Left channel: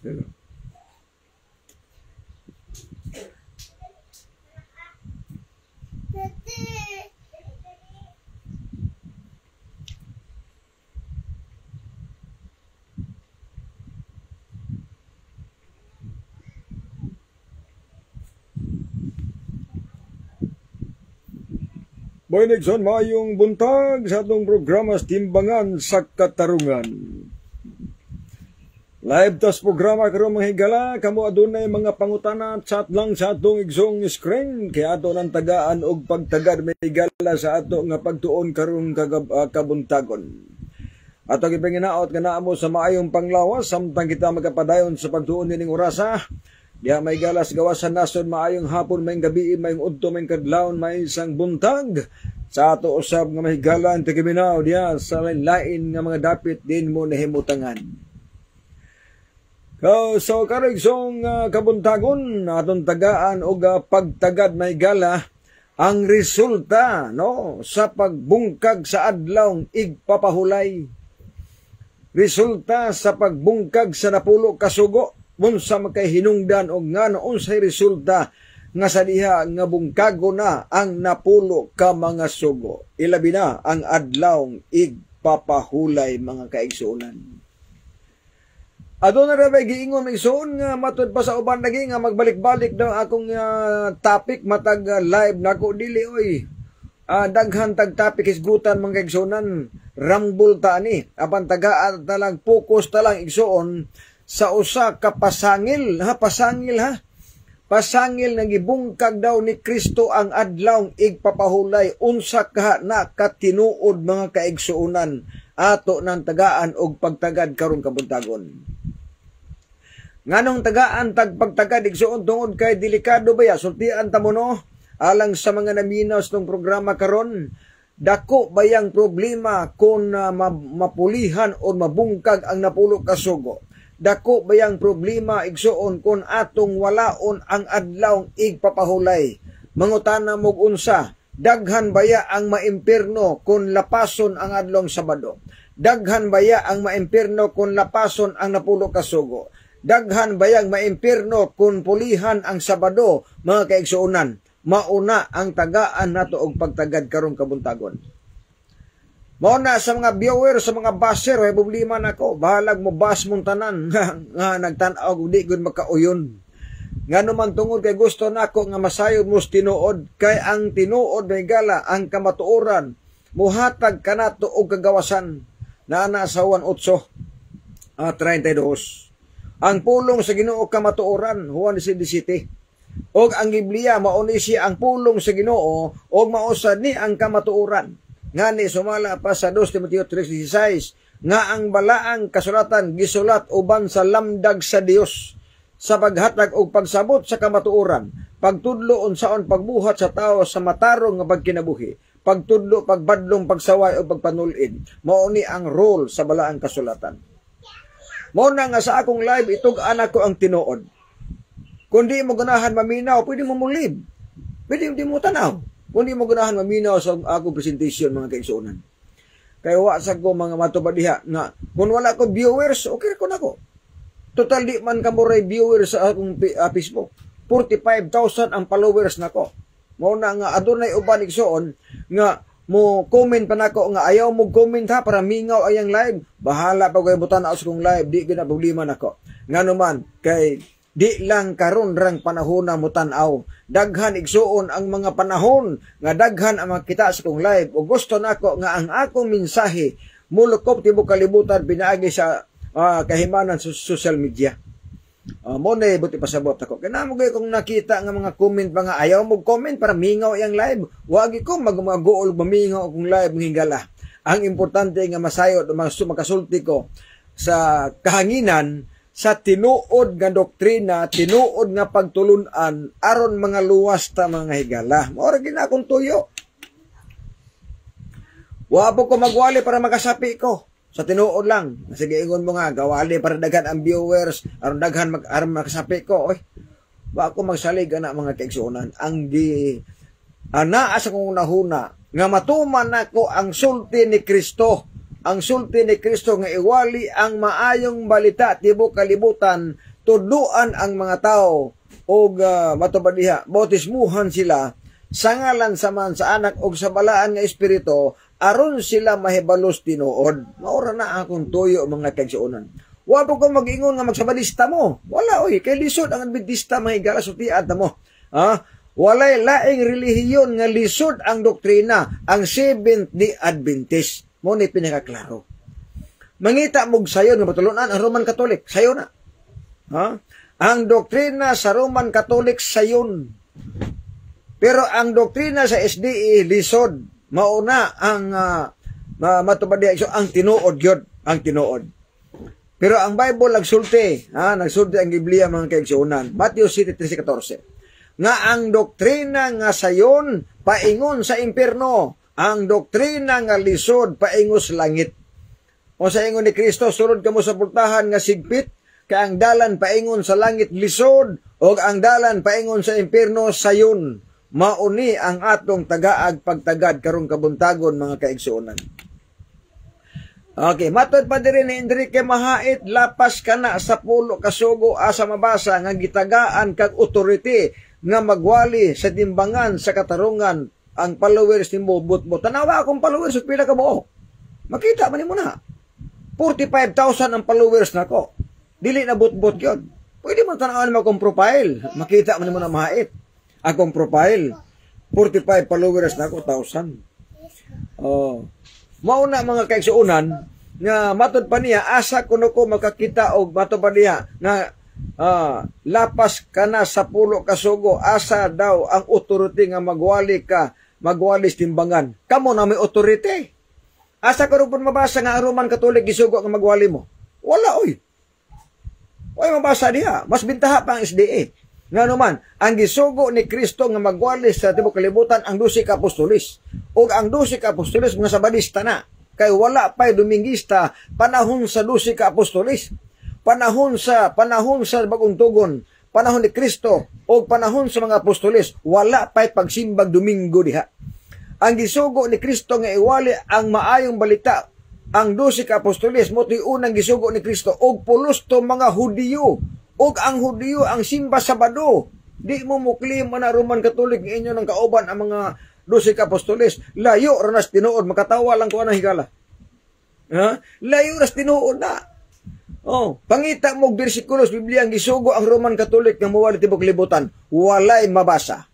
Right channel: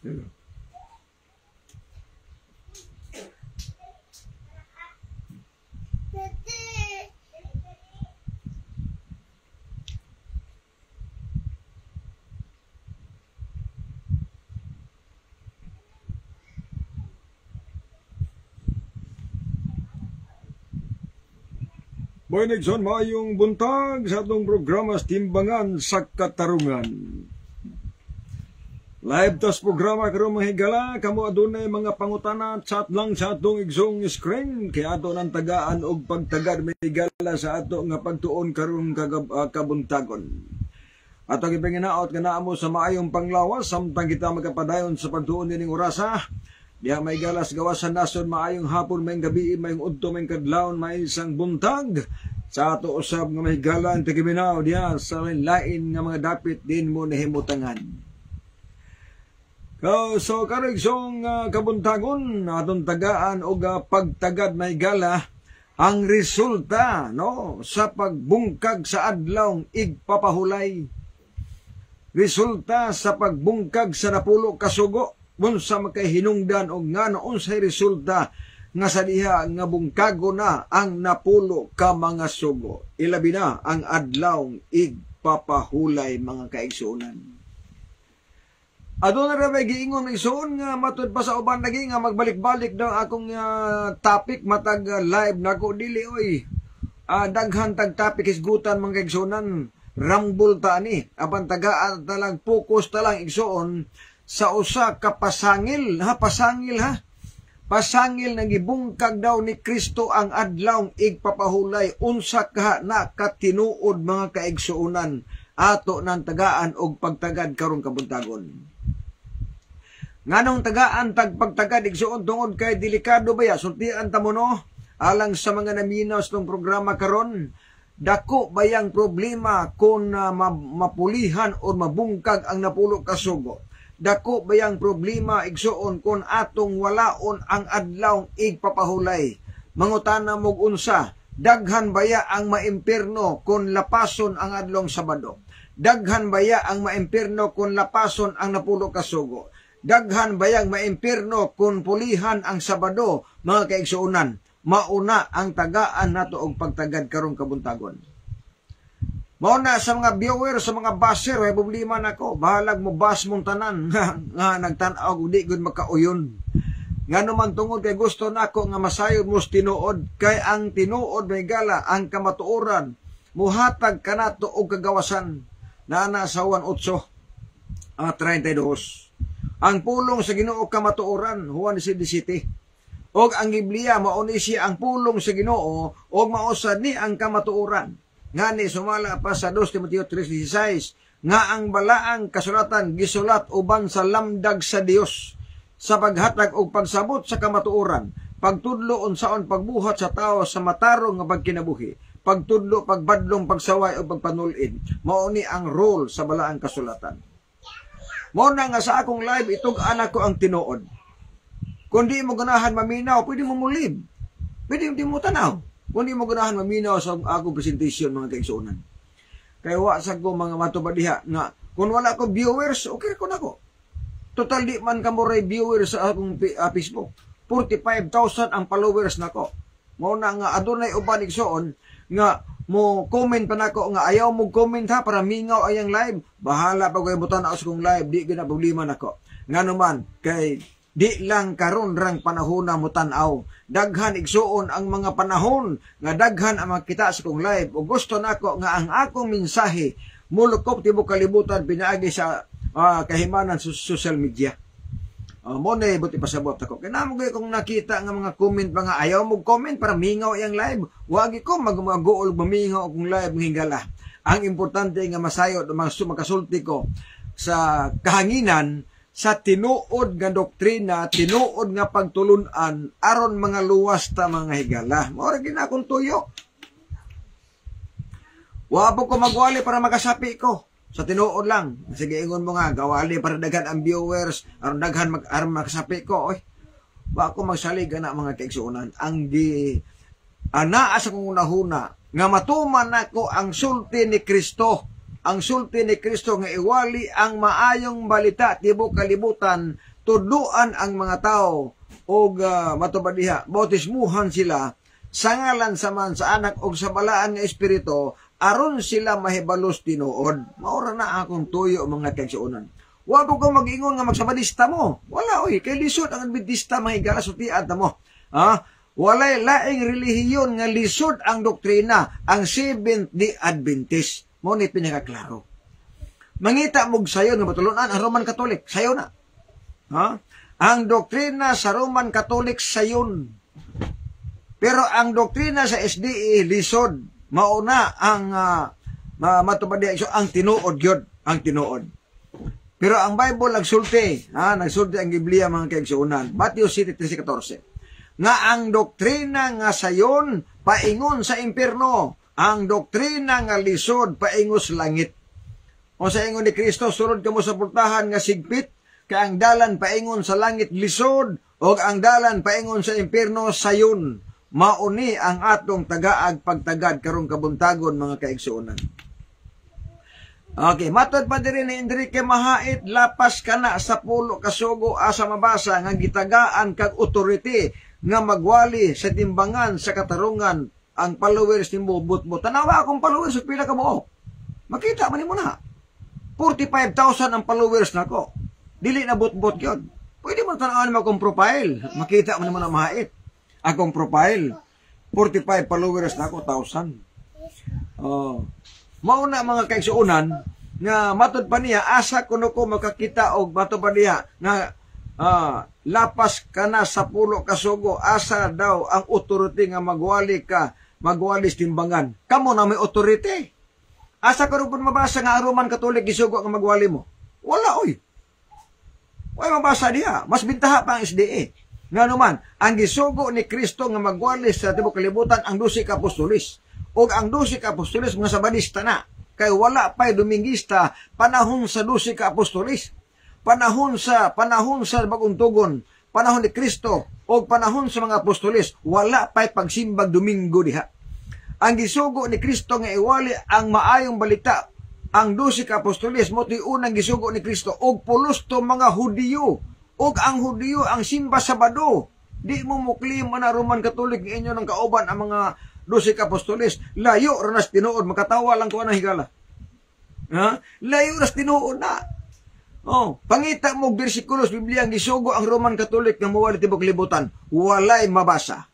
Boy Nixon, mayong buntag sa atong programa Timbangan sa Katarungan. Live tas programa karon mga higala, kamo adunay mga pangutana chat lang sa atong igsong screen kaya ato nang tagaan og pagtagad may higala sa ato nga pagtuon karon kabuntagon. Ato gipanginaot nga naa mo sa maayong panglawas samtang kita magapadayon sa pagtuon nining orasa. Diya may galas gawas sa nason, maayong hapon, may gabi, may udto, may kadlawon, may isang buntag. Sa ato usab nga may galan, tigiminaw diya sa lain nga mga dapit din mo nahimutangan. So karigsong kabuntagon, atong tagaan o pagtagad may gala, ang resulta no sa pagbungkag sa adlawng igpapahulay. Resulta sa pagbungkag sa napulo ka sugo. Unsa makay hinungdan og ngano unsay resulta nga sa diha nga bungkago na ang napulo ka mga sugo. Ilabi na ang adlawng igpapahulay mga kaigsuonan. Aduna ra bay giingon igsuon nga matud pa sa uban lagi nga magbalik-balik daw akong topic matag live nako dili oy. Daghan tag topic isgutan mga kaigsuonan, rambol ta ani apan tagaan ta lang focus ta lang igsuon sa usa ka pasangil na gibungkag daw ni Kristo ang adlawng igpapahulay. Unsa ka na katinuod mga kaigsuonan ato nang tagaan og pagtagad karon kabuntagon. Nganong tagaan tag pagtagad igsuon tungod kay delikado ba ya sultian ta mo no alang sa mga naminaw sa tong programa karon. Dako bayang problema kung mapulihan o mabungkag ang napulo ka sugo. Dako bayang problema igsuon kung atong walaon ang adlawng igpapahulay. Mangutana mo unsa, daghan baya ang maimpierno kung lapason ang adlawng Sabado? Daghan baya ang maimpierno kung lapason ang napulo ka sugo? Daghan bayang maimpierno kung pulihan ang Sabado, mga kaigsuonan? Mauna ang tagaan nato og pagtagad karong kabuntagon. Mauna sa mga viewer, sa mga baser, ay problema nako. Bahalag mo bas mong tanan nga nagtanaw og di gud makauyon. Nga naman tungod kay gusto nako nga masayod mo tinuod kay ang tinuod may gala ang kamatuoran muhatag kanato og kagawasan na sa 1:8 32. Ang pulong sa Ginoo kamatuoran Juan 17. Og ang Biblia mao ni siya ang pulong sa Ginoo og mausad ni ang kamatuoran. Ngani sumala pa sa 2 Timoteo 3:16 nga ang balaang kasulatan gisulat uban sa lamdag sa Dios sa paghatag og pagsabot sa kamatuoran, pagtudlo unsaon pagbuhat sa tao sa matarong nga pagkinabuhi, pagtudlo, pagbadlong, pagsaway o pagpanulid. Mao ni ang role sa balaang kasulatan. Mao na nga sa akong live itug anak ko ang tinuod. Kung di mo ganahan maminaw, pwede mo mulib. Pwede mo tanaw. Kung di mo ganahan maminaw sa akong presentation mga kaigsuonan. Kaya wasag ko mga matubad diha nga kung wala ko viewers, okay ko na ko. Total di man ka mo viewers sa akong Facebook. 45,000 ang followers na ko. Mao na nga adunay uban igsuon nga mo comment pa nako nga ayaw mo comment ha para mingaw ayang live. Bahala pa ko ibutan sa kong live, di gina problema nako. Ngano man kay di lang karon rang panahon na mutan-aw. Daghan igsuon ang mga panahon nga daghan ang makita sa kong live. O gusto nako nga ang akong mensahe mulukop tibuok kalibutan pinaagi sa kahimanan sa social media. Mo na buti pasabot ako. Kaya namo kung nakita nga mga comment pa nga ayaw mo comment para mingaw yang live. Wagi ko mag-uol mamingaw kung live hingala. Ang importante nga masayod o makasulti ko sa kahanginan sa tinuod nga doktrina, tinuod nga pagtulunan aron mga luwas ta mga higala. Mao ra gid akong tuyo. Wa po ko magwali para makasapi ko. Sa tinuod lang. Sige ingon mo nga gawali para daghan ang viewers, aron daghan aron makasapi ko. Oy. Wa ako magsalig ana mga kaigsuonan. Ang naa sa kong nahuna nga matuman nako ang sulti ni Kristo. Ang sulti ni Kristo nga iwali ang maayong balita tibuok kalibutan tudluan ang mga tao o matubad diha, bautismuhan sila sa ngalan sa man sa anak o sa balaan nga espiritu, aron sila mahibalos tinuod. Maura na akong tuyo mga kaigsuonan. Wa po kang mag-ingon nga magsabadista mo. Wala oy, kay lisod ang Adventista mahigala sa tiad mo. Walay laing relihiyon nga lisod ang doktrina, ang Seventh-day Adventist. Mo ni pinakaklaro. Mangita mog sayon nga patulunan ang Roman Catholic, sayo na. Ang doktrina sa Roman Catholic sayon. Pero ang doktrina sa SDA lisod. Mauna ang matubad ang tinuod gyud, ang tinuod. Pero ang Bible nagsulti ang Biblia mga kaigsuonan. Matthew 7:13-14. Nga ang doktrina nga sayon paingon sa impierno, ang doktrina nga lisod paingon sa langit. O sa ingon ni Kristo, sulod kamo sa pultahan nga sigpit, kay ang dalan paingon sa langit lisod, o ang dalan paingon sa impierno sayon. Mauni ang atong tagaag pagtagad karong kabuntagon mga kaigsuonan. Okay, matod pa diri ni Enrique Mahait, lapas kana sa pulo kasugo asa mabasa nga gitagaan kag authority nga magwali sa timbangan sa katarungan ang followers ni Butbot. Tanawa akong followers ug pila ka mo. Makita man nimo na. 45,000 ang followers nako. Dili na Butbot gyud. Pwede mo tan-awon mo akong profile. Makita man nimo na Mahait. Akong profile, 45 followers na ako, 1,000. Mauna mga kaigsuonan, nga matod pa niya, asa kuno ko makakita og matod pa niya, na lapas ka na sa pulo kasugo, asa daw ang authority nga magwali timbangan. Kamo na may authority. Asa ka rin mabasa nga Roman Catholic gisugo nga magwali mo? Wala, oy. Wala mabasa niya. Mas bintaha pa ang SDA. Nga naman, ang gisugo ni Kristo nga magwalis sa tibuok kalibutan ang 12 ka apostolis. O ang 12 ka apostolis nga sabadista na. Kay wala pa'y Domingista panahon sa 12 ka apostolis. Panahon sa bagong tugon, panahon ni Kristo, o panahon sa mga apostolis, wala pa'y pagsimbag Domingo diha. Ang gisugo ni Kristo nga iwali ang maayong balita, ang 12 ka apostolis, mo unang gisugo ni Kristo, o pulos to mga Hudiyo, og ang Hudiyo ang simba Sabado. Di mo muklim na Roman Catholic nga inyo ng kauban ang mga 12 ka apostoles. Layo ranas tinuod, makatawa lang ko na higala. Layo ranas tinuod na. Pangita mo bersikulos Biblia ang gisugo ang Roman Catholic nga muwali tibok libutan. Walay mabasa.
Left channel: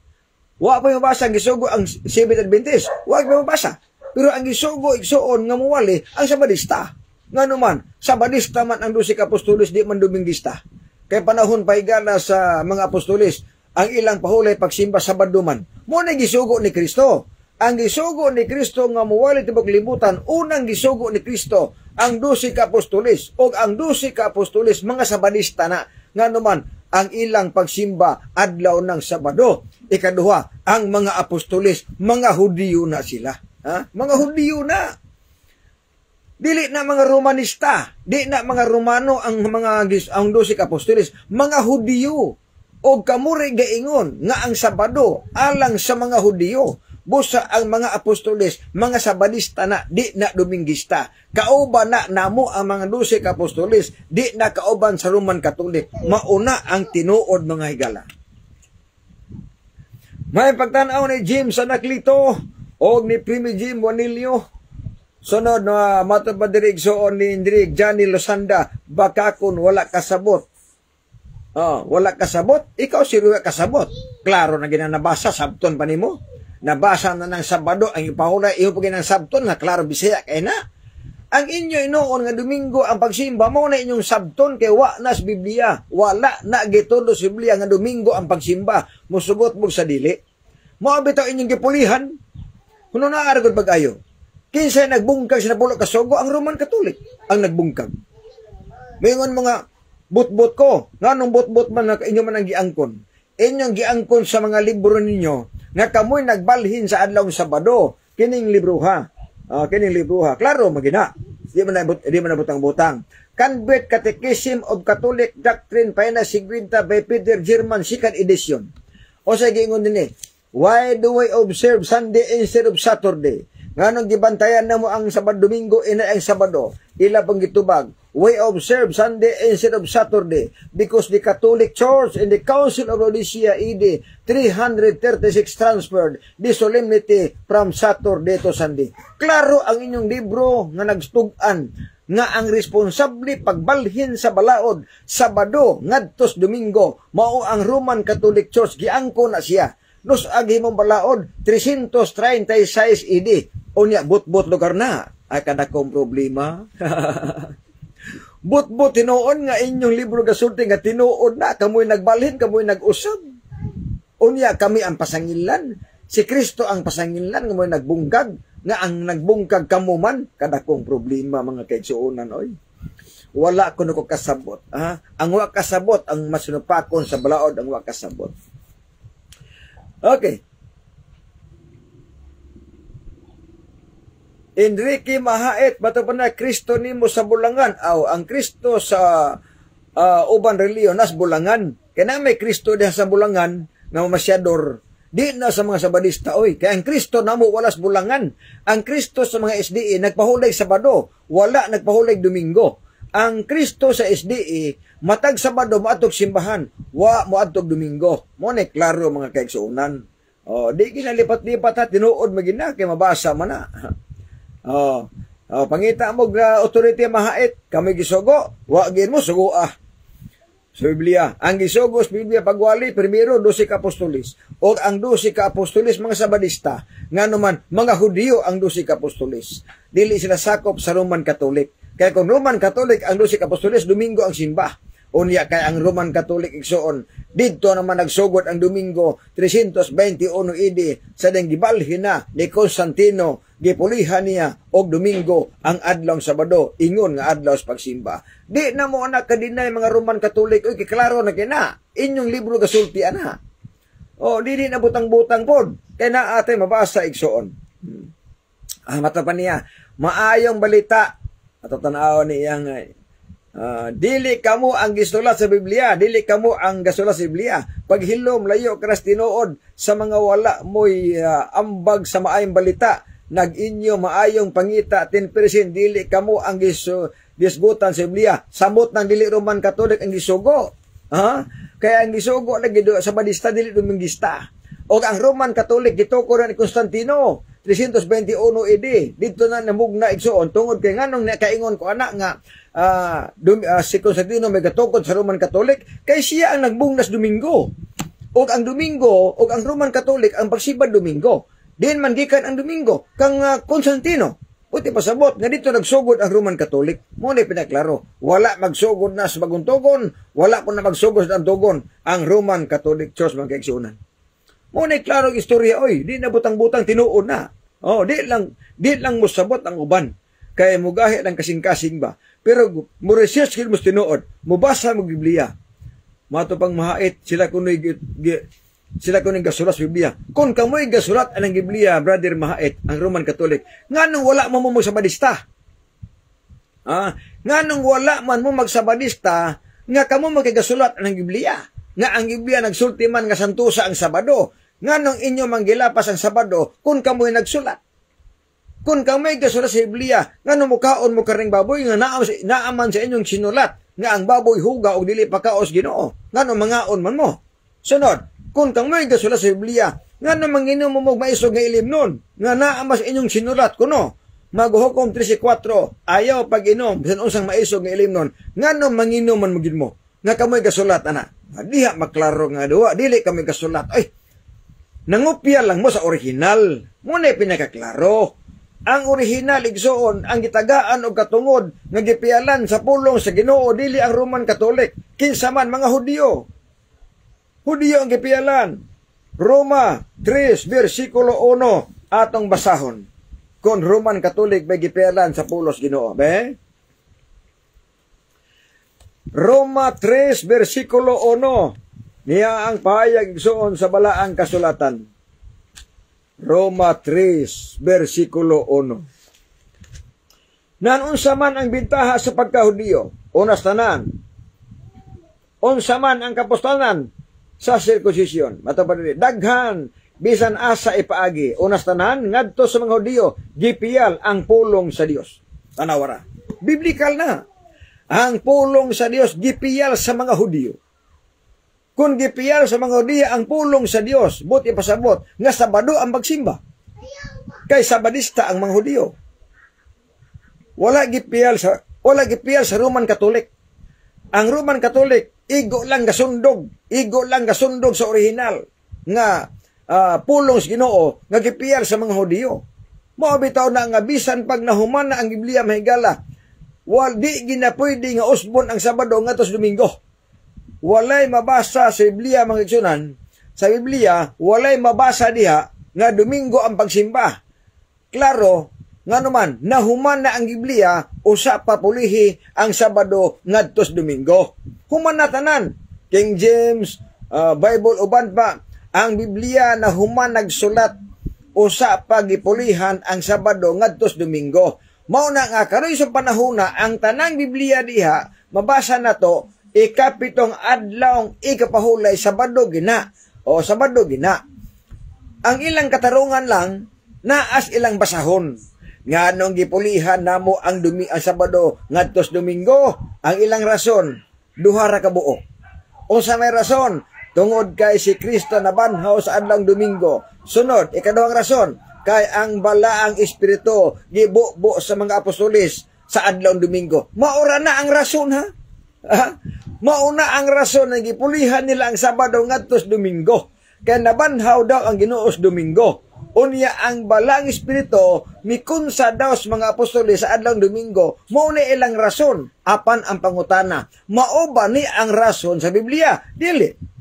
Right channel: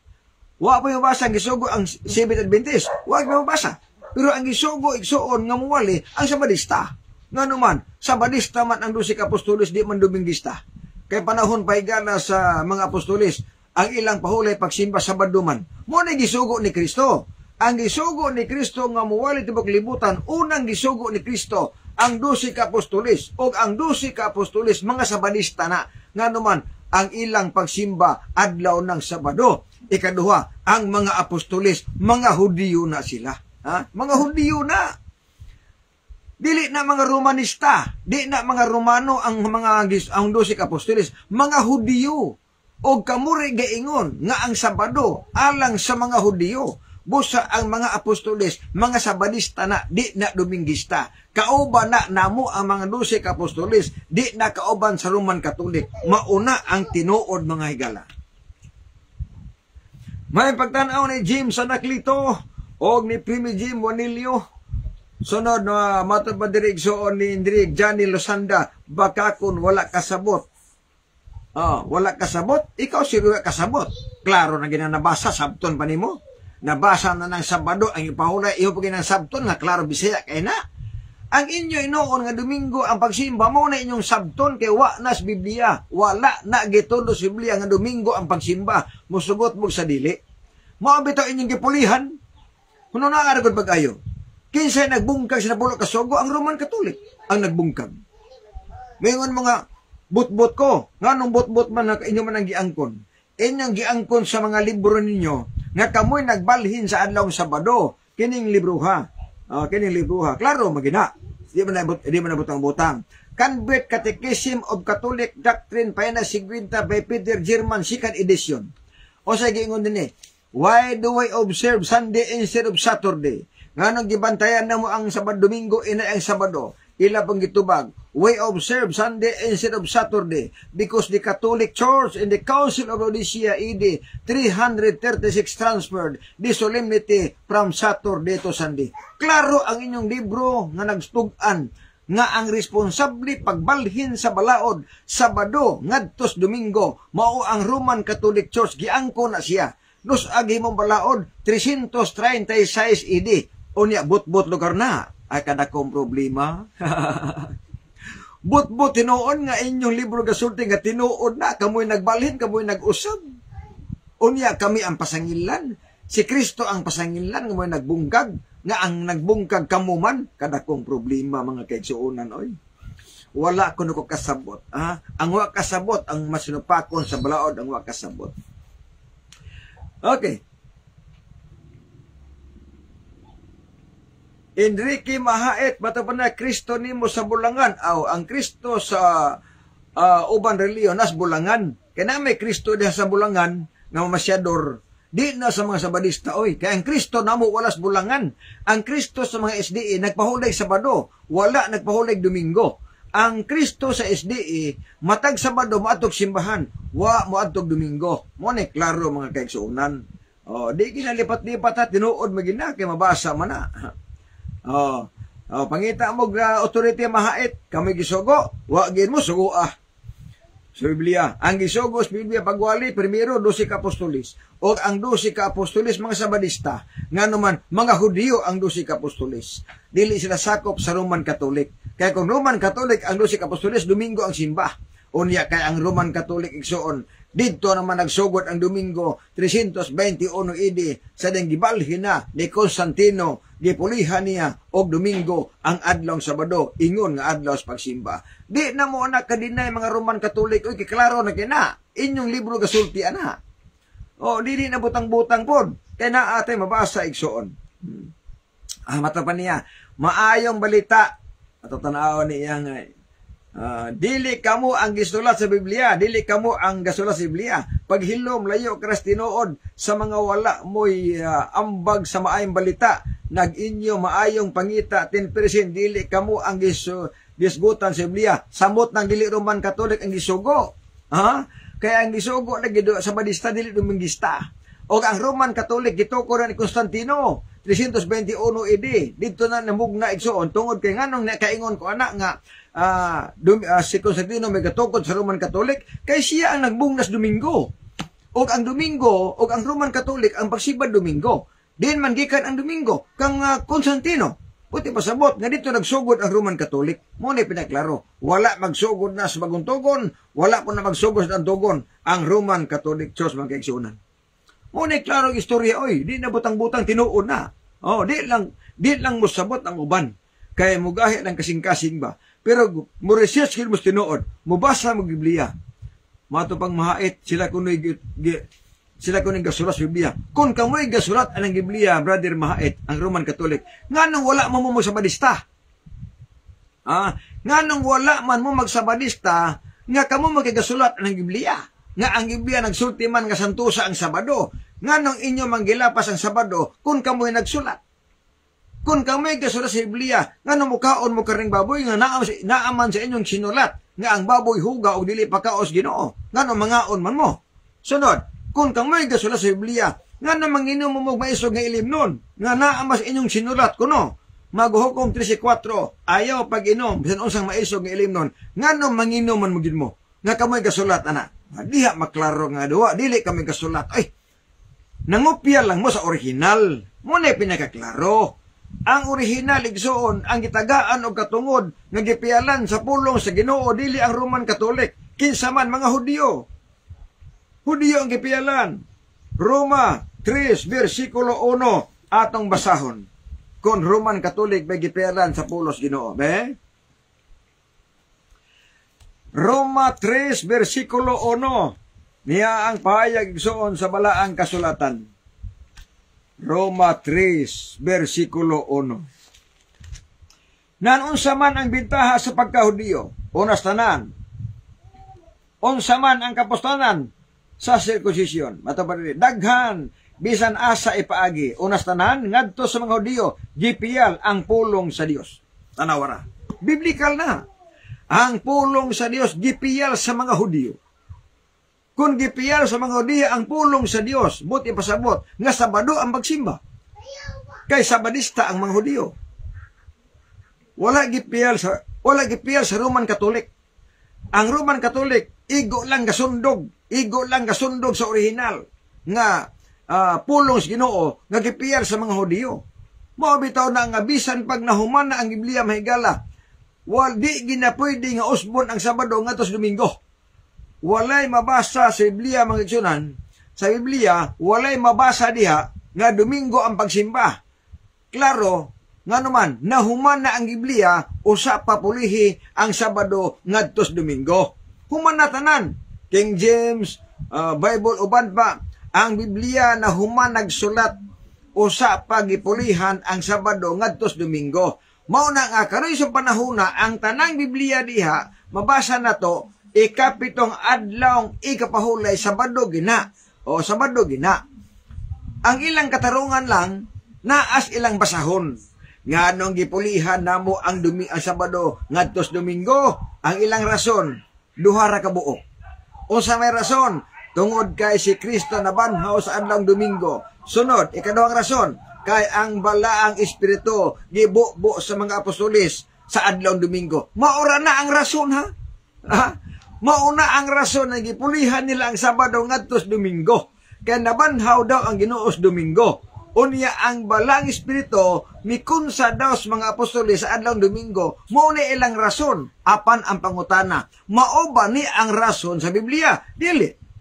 Wa pa mabasa ang gisugo ang Seventh Adventist. Wa pa mabasa. Pero ang gisugo igsuon nga muwali ang Sabadista. Nga naman, Sabadista man ang 12 ka apostoles, di man Dominguista. Kay panahon paigala sa mga apostolis, ang ilang pahulay pagsimba sa Sabado-man. Muna gisugo ni Kristo. Ang gisugo ni Kristo nga muwali tibok libutan, unang gisugo ni Kristo, ang 12 ka apostolis, o ang 12 ka apostolis, mga Sabadista na. Nga naman, ang ilang pagsimba adlaw ng Sabado. Ikaduha, ang mga apostolis, mga Hudiyo na sila. Mga Hudiyo na. Dili na mga Romanista, di na mga Romano ang 12 ka apostoles, mga Hudiyo. O kamuri gaingon nga ang Sabado alang sa mga Hudiyo. Busa ang mga apostoles, mga Sabadista na, di na Domingista. Kauban na namo ang mga 12 ka apostoles, di na kauban sa Roman Catholic. Mauna ang tinuod mga higala. May pagtanaw ni James Anaclito o ni Primi Jim Juanilio. Sunod na matabadirigsoon ni Indrig Johnny Losanda, baka kung wala kasabot. Wala kasabot, ikaw siruya kasabot. Klaro na ginanabasa, sabton pa nimo. Nabasa na ng Sabado, ang ipahulay, iyo pagin ng sabton, na klaro bisaya kay na. Ang inyo inoon nga Domingo, ang pagsimba mo na inyong sabton, kay wa nas Biblia. Wala na gitulo sa Biblia nga Domingo ang pagsimba. Musugot mo sa dili. Maabitaw inyong gipulihan. Kuno na aragod pag-ayo. Kinsay nagbungkag sa napulo kasugo, ang Roman Catholic ang nagbungkag. Mayroon mga butbot ko, nga nung butbot man na inyo man ang giangkon. Inyong giangkon sa mga libro ninyo, nga kamoy nagbalhin sa adlaw Sabado, kining libruha. Kining libruha. Klaro, magina. Di man nabutang-butang. Convert Catechism of Catholic Doctrine, Paina Sigwinta by Peter German, 2nd edition. O sa giingon din why do I observe Sunday instead of Saturday? Nga nung gibantayan na mo ang Sabado Domingo, ina ang Sabado. ila bang gitubag, we observe Sunday instead of Saturday because the Catholic Church and the Council of Laodicea AD 336 transferred the solemnity from Saturday to Sunday. Klaro ang inyong libro nga nagstugan nga ang responsable pagbalhin sa balaod Sabado ngadtos Domingo mao ang Roman Catholic Church, giangko na siya. Nos agi mong balaod 336 AD. Unya but lugar na ay kadakong problema. but tinuon nga inyong libro gasulti nga tinuon na kamoy nagbalhin, kamoy nag-usab. Unya kami ang pasangilan, si Kristo ang pasangilan, kamoy nagbungkag, nga ang nagbungkag kamuman, kadakong problema mga kaigsuonan, oy. Wala ko nuko kasabot. Ang wa kasabot, ang masinupakon sa balaod, ang wa kasabot. Okay. Enrique Mahait, bato pa na, Kristo nimo sa bulangan. Ang Kristo sa uban reliyon, nas bulangan. Kaya may Kristo diha sa bulangan, nga mamasyador. Di na sa mga Sabadista, oy. Kaya ang Kristo namo walas bulangan. Ang Kristo sa mga SDE, nagpahulig Sabado, wala nagpahulig Domingo. Ang Kristo sa SDE, matag Sabado, maatog simbahan, wa maatog Domingo. Mone, klaro mga kaigsuunan. Di kinalipat-lipat ha, tinuod magina, kaya mabasa man na. Pangita mo, authority Mahait, kami gisugo, wa gin mo, sugo sa Biblia. Ang gisugos Biblia pagwali, primero 12 ka apostolis. O ang 12 ka apostolis mga Sabadista, nga naman mga Hudiyo ang 12 ka apostolis. Dili sila sakop sa Roman Catholic. Kaya kung Roman Catholic ang 12 ka apostolis, Domingo ang simba. Unya kay ang Roman Catholic igsoon, dito naman nagsugod ang Domingo 321 AD sa ding gibalhin na ni Constantino, gipulihan niya og Domingo ang adlaw Sabado, ingon nga adlaw sa pagsimba. Di na mo anak kadinay mga Roman Catholic, oy kiklaro na kina inyong libro gasulti ana. Dili na butang-butang pod kay naa atay mabasa igsoon. Mata pa niya, maayong balita ato tan-aw niya nga dili kamo ang gisulat sa Biblia, dili kamo ang gasulat sa Biblia. Paghilom layo karas tinuod sa mga wala moy ambag sa maayong balita, nag-inyo maayong pangita 10% dili kamo ang gisgutan sa Biblia. Samot ng dili Roman Catholic ang gisugo. Kaya ang gisugo na gido sa Sabadista dili Domingista. O ang Roman Catholic gituko ni Constantino 321 AD. Dito na namugna igsoon tungod kay nganong nakaingon ko anak nga si Constantino may gatukod sa Roman Catholic kay siya ang nagbungnas Domingo. O ang Domingo o ang Roman Catholic ang pagsibad Domingo. Din man gikan ang Domingo kang Constantino. Puti pasabot nga dito nagsugod ang Roman Catholic. Mo ni pinaklaro, wala magsugod na sa bagong tugon, wala po na magsugod sa tugon ang Roman Catholic Church mga kaigsuonan. Mo ni klaro ang istorya, oy, di na butang-butang tinuon na. Di lang mo sabot ang uban. Kaya mugahi ng kasing-kasing ba. Pero mo research mo tinuod, mubasa mo Biblia. Mato pang Mahait, sila kuno'y gasulat sa Biblia. Kung kamoy gasulat ang Biblia, Brother Mahait, ang Roman Catholic, nganong wala man mo magsabadista? Nganong wala man mo magsabadista, nga kamo magigasulat ang Biblia? Nga ang Biblia nagsulti man nga santusa ang Sabado. Nganong inyo manggilapas ang Sabado kung kamoy nagsulat? Kung kamoy gasulat sa Biblia, nganong mukaon mo karing baboy nga naaman sa inyong sinulat nga ang baboy huga o dili pakaos Ginoo? Nganong mangaon man mo? Sunod, kung kamoy gasulat sa Biblia, nganong manginom mo magmaisog nga ilim nun nga naaman sa inyong sinulat kuno? Maghuhukom 13:4, ayaw pag-inom bisan unsang maisog nga ilim nun, nganong manginom man mugid mo? Nga kamoy gasulat ana. Diha maklaro nga duwa, dili kami gasulat. Ay, nangupya lang mo sa original. Muna pinakaklaro. Ang original igsoon, ang gitagaan o katungod, nga gipialan sa pulong sa Ginoo, dili ang Roman Catholic. Kinsa man mga Hudiyo. Hudiyo ang gipialan. Roma 3, versikulo 1, atong basahon. Kung Roman Catholic may gipialan sa pulos Ginoo. Roma 3, versikulo 1. Niya ang pahayag igsoon sa balaang kasulatan. Roma 3, versikulo 1. Nanunsa man ang bintaha sa pagkahudiyo, unas tanan. Unsa man ang kapustanan sa sirkusisyon. Matapad daghan, bisan asa ipaagi. Unas tanan, ngadto sa mga Hudiyo, gipiyal ang pulong sa Dios. Tanawara. biblical na. Ang pulong sa Dios gipiyal sa mga Hudyo. Kung gipiyal sa mga Hudyo ang pulong sa Dios, buti pasabot nga Sabado ang magsimba. Kay Sabadista ang mga Hudyo. Wala gipiyal sa Roman Catholic. Ang Roman Catholic igo lang gasundog sa original nga pulong sa Ginoo nga gipiyal sa mga Hudyo. Mao bitaw na nga bisan pag nahuman na ang Biblia mahigala, di ginapwede nga usbon ang Sabado ngadto sa Domingo. Walay mabasa sa Biblia mga igsunan. Sa Biblia walay mabasa diha nga Domingo ang pagsimba. Klaro nga naman nahuman na ang Biblia usa pa pulihi ang Sabado ngadto sa Domingo. Human na tanan King James Bible uban pa ang Biblia nahuman nagsulat usa pa gipulihan ang Sabado ngadto sa Domingo. Mao na nga karon sa panahona ang tanang Biblia diha mabasa na to ikapitong adlaw ikapahulay Sabado gina o Sabado gina. Ang ilang katarungan lang naas ilang basahon nganong gipulihan namo ang Sabado ngadto sa Domingo. Ang ilang rason duha ra ka buok. Unsa may rason tungod kay si Kristo nabanhaw sa adlaw Domingo. Sunod ikaduhang rason kay ang balaang espiritu gibubo sa mga apostoles sa adlaw Domingo. Maura na ang rason ha? Mauna ang rason na gipulihan nila ang Sabado ngadto sa Domingo. Kaya nabanhaw daw ang Ginoo sa Domingo. Unya ang balaang espiritu mikunsa daw sa mga apostoles sa adlaw Domingo. Mao na ilang rason apan ang pangutana. Mao ba ni ang rason sa Biblia? Dili.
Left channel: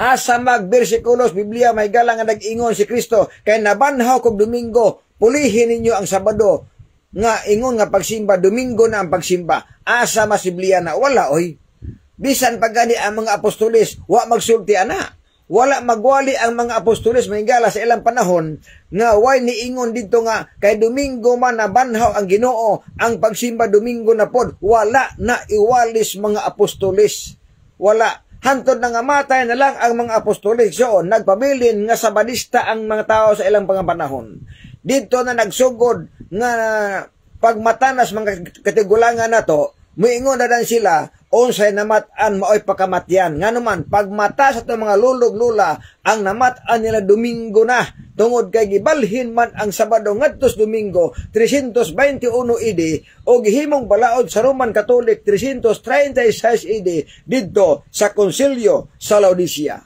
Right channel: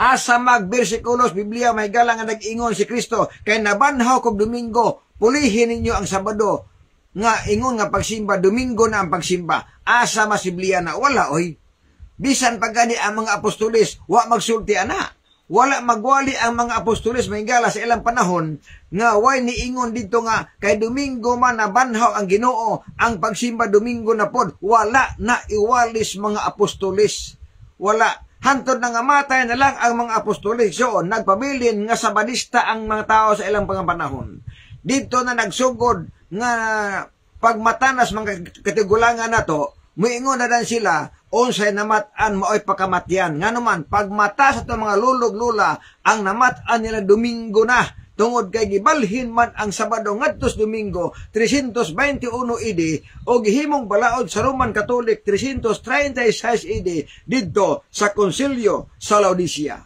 Asa magbersikulos Biblia may galang nga nag-ingon si Kristo kay nabanhaw kog Domingo, pulihin ninyo ang Sabado nga ingon nga pagsimba, Domingo na ang pagsimba. Asa mas Biblia na wala oy. Bisan pagani ang mga apostoles wa magsulti ana. Wala magwali ang mga apostoles mahigala sa ilang panahon nga way niingon dito nga kay Domingo man nabanhaw ang Ginoo, ang pagsimba Domingo na pod. Wala na iwalis mga apostoles. Wala. Hantod na nga matay na lang ang mga apostoles. So, nagpabilin nga Sabadista ang mga tao sa ilang panahon. Dito na nagsugod nga pagmatanas mga katigulangan na to, muingon na dan sila, unsay namatan maoy pakamatyan. Nga naman, pagmata sa itong mga lulog-lula, ang namatan nila Domingo na. Tungod kay gibalhin man ang Sabado ngadto sa Domingo 321 AD o gihimong balaod sa Roman Catholic 336 AD didto sa Konsilyo sa Laodicea.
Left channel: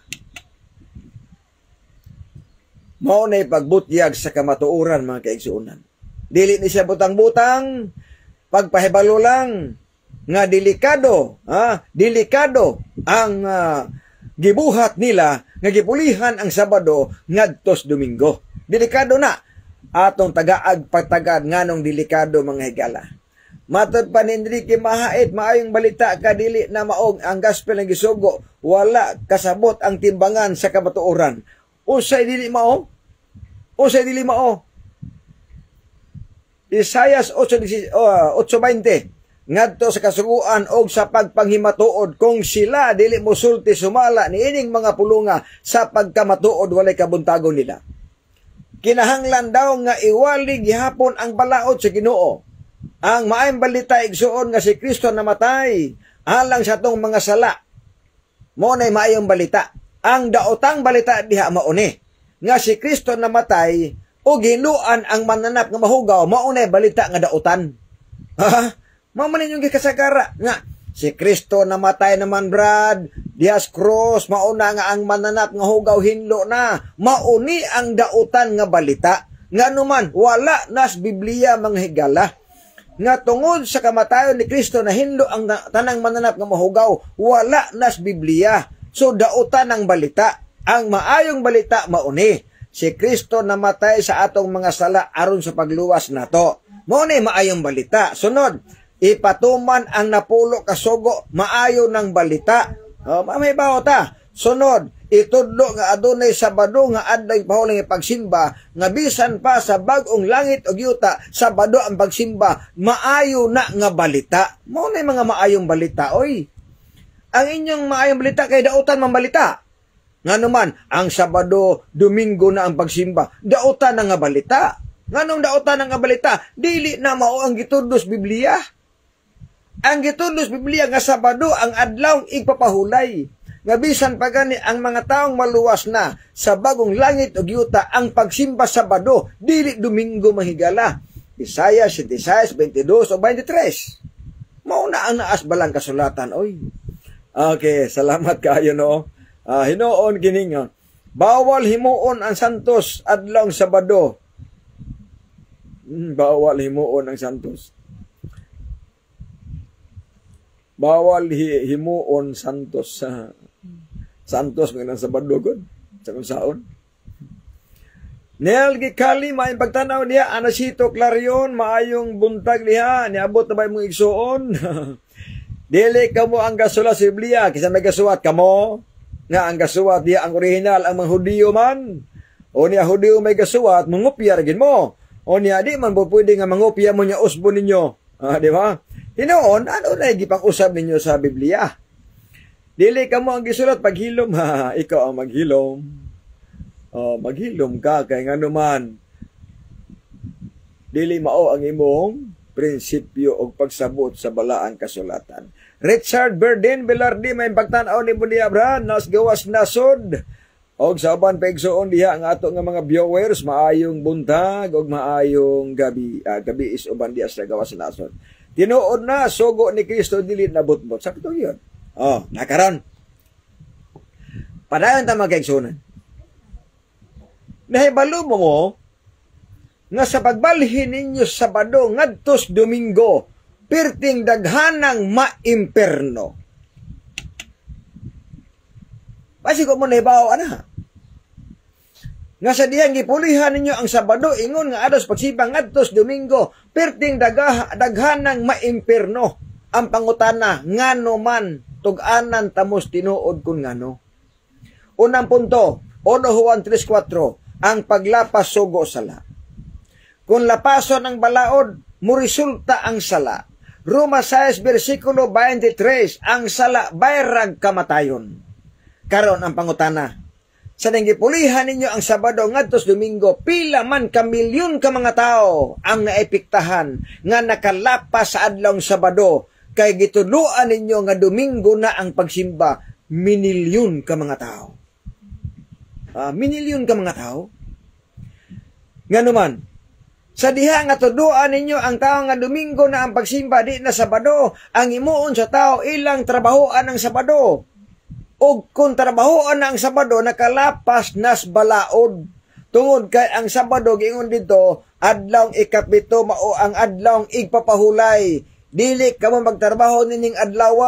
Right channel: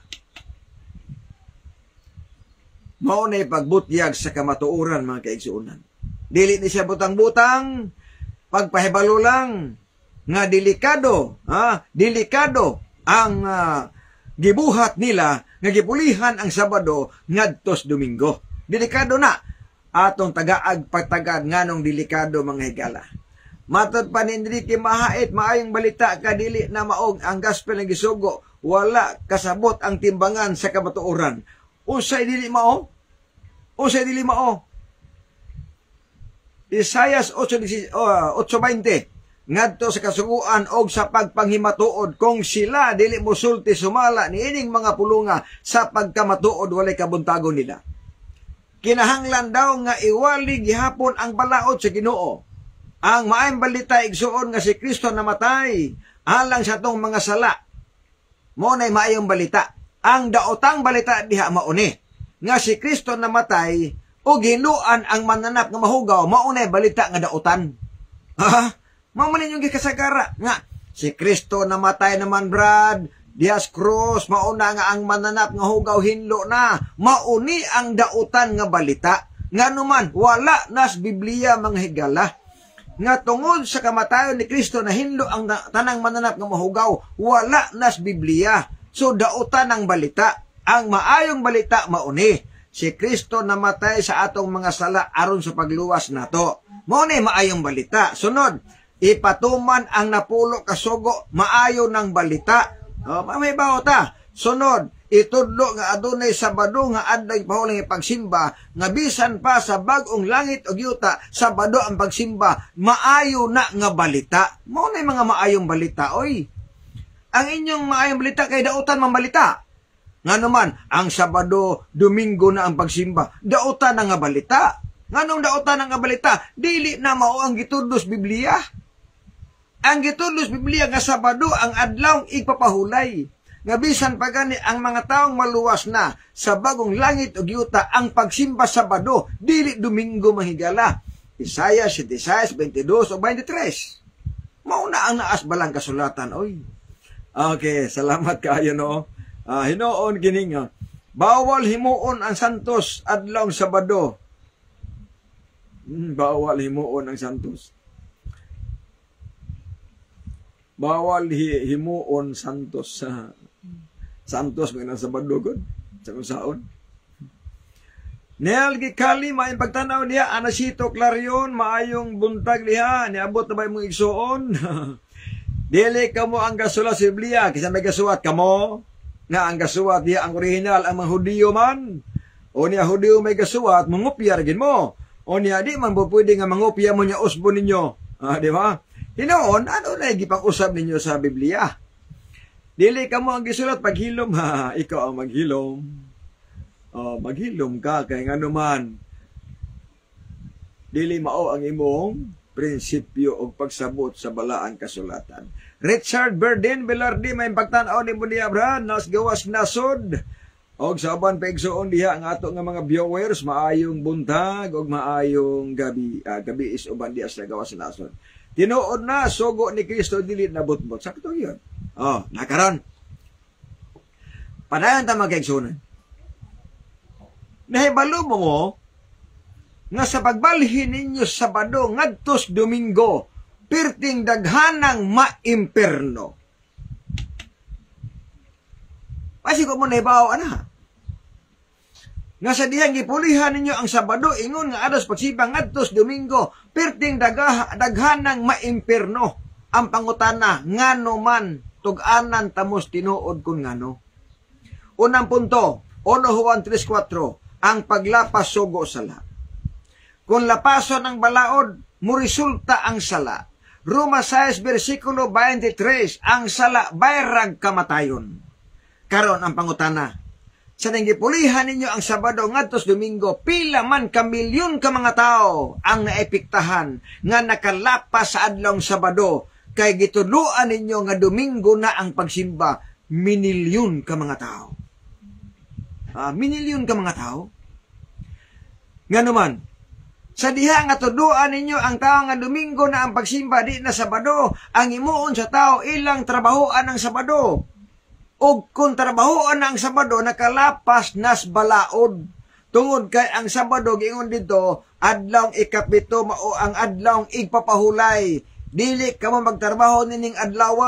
Mao nay pagbutyag sa kamatuoran mga kaigsuonan. Dili ni siya butang-butang, pagpahibalo lang nga delikado ang gibuhat nila nga gipulihan ang Sabado ngadto sa Domingo. Delikado na atong tagaag pagtagad nganong delikado mga higala. Matod pa ni Enrique Mahait, maayong balita ka dili na maog ang gospel nga gisugo, wala kasabot ang timbangan sa kamatuoran. Usay dili mao? Isaias 8:20 ngadto sa kasuguan og sa pagpanghimatuod kung sila dili mosulti sumala niining mga pulunga sa pagkamatuod walay kabuntagon nila. Kinahanglan daw nga iwali gihapon ang balaod sa Ginoo. Ang maayong balita igsuon nga si Kristo namatay alang sa tong mga sala. Mao nay maayong balita. Ang daotang balita diha mao ni nga si Kristo namatay o giluan ang mananap nga mahugaw. Mao nay balita nga daotan. Mamanin yung kasagara nga si Kristo namatay naman brad, dias cross, mauna nga ang mananap nga hugaw hinlo na, mauni ang dautan nga balita. Nga numan, wala nas Biblia mga higala. Nga tungod sa kamatayon ni Kristo na hinlo ang tanang mananap nga mahugaw, wala nas Biblia. So dautan ang balita. Ang maayong balita mauni. Si Kristo namatay sa atong mga sala aron sa pagluwas nato. Mauni maayong balita. Sunod, ipatuman ang napulo kasugo, maayo ng balita. May bawata. Sunod, itudlo nga adunay Sabado nga adlaw pahuling pagsimba, nga bisan pa sa bag-ong langit o yuta, Sabado ang pagsimba, maayo na nga balita. Mao na mga maayong balita, oy. Ang inyong maayong balita kay dautan man balita. Nga naman, ang Sabado, Domingo na ang pagsimba, dautan na nga balita. Nganong daotan ang balita, dili na mao ang gitudlos Biblia. Ang gitudlos Biblia nga Sabado ang adlaw igpapahulay. Nga bisan pa gani ang mga taong maluwas na sa bagong langit ug yuta ang pagsimba Sabado, dili Domingo mahigala. Isaiah 66, 22 o 23. Mauna ang naas balang kasulatan, oy. Okay, salamat kayo, no? Hinuon kining bawal himuon ang santos adlaw Sabado. Bawal himuon ang santos. Bawal himuon santos sa santos ng Sabado gud sa kunsaon. Nel gikali maayong pagtanaw niya anasito Clarion maayong buntag niya niabot na ba imong igsuon. Dili kamo ang gasulat sa Biblia kisa may gasulat kamo nga ang gasulat diya ang original ang mga Hudiyo man. O niya Hudiyo may gasulat mangupya gid mo. O niya di man pwede nga mangupya mo niya usbon ninyo. Di ba? Hinoon, ano na gipang-usab ninyo sa Biblia? Dili ka mo ang gisulat paghilom, ha? Ikaw ang maghilom. Maghilom ka, kay nga naman, dili mao ang imong prinsipyo o pagsabot sa balaang kasulatan. Richard Burden Velarde, may pagtanaw ni Bundi Abraham, nas gawas nasod. Og sa uban paigsuon diha ang ato nga mga viewers, maayong buntag, og maayong gabi is uban diha sa gawas nasod. Tinuod na, sugo ni Kristo dili na butbot. Sabi ito yun. Nakaroon. Padayon ta magkaigsunan. Nahibalo mo nga sa pagbalhin ninyo Sabado ngadtos Domingo, perting daghanang maimperno. Pasi ko mo nahibaw, nga sa diyang gipulihan ninyo ang Sabado, ingon nga ados pagsibang ngadtos Domingo, perting daghanang maimperno. Ang pangutana, ngano man, tug-anan tamos tinuod kun ngano. Unang punto, 1 Juan 3:4, ang paglapas sugo sala. Kung lapason ang balaod, muresulta ang sala. Roma 6, versikulo 23, ang sala bayrag kamatayon. Karon ang pangutana, sa nanggipulihan ninyo ang Sabado ngadtos Domingo, pila man ka milyon ka mga tao ang naepektahan nga nakalapas sa adlaw Sabado, kay gitudloan ninyo nga Domingo na ang pagsimba, minilyon ka mga tao. Minilyon ka mga tao? Nga naman, sa diha nga tudloan ninyo ang tao nga Domingo na ang pagsimba, di na Sabado, ang imuon sa tao ilang trabahoan ang Sabado. O kung trabahoan na ang Sabado, nakalapas nas balaod. Tungod kay ang Sabado, giingon dito, adlaw ikapito mao ang adlaw igpapahulay. Dili ka mo magtrabaho nining adlaw.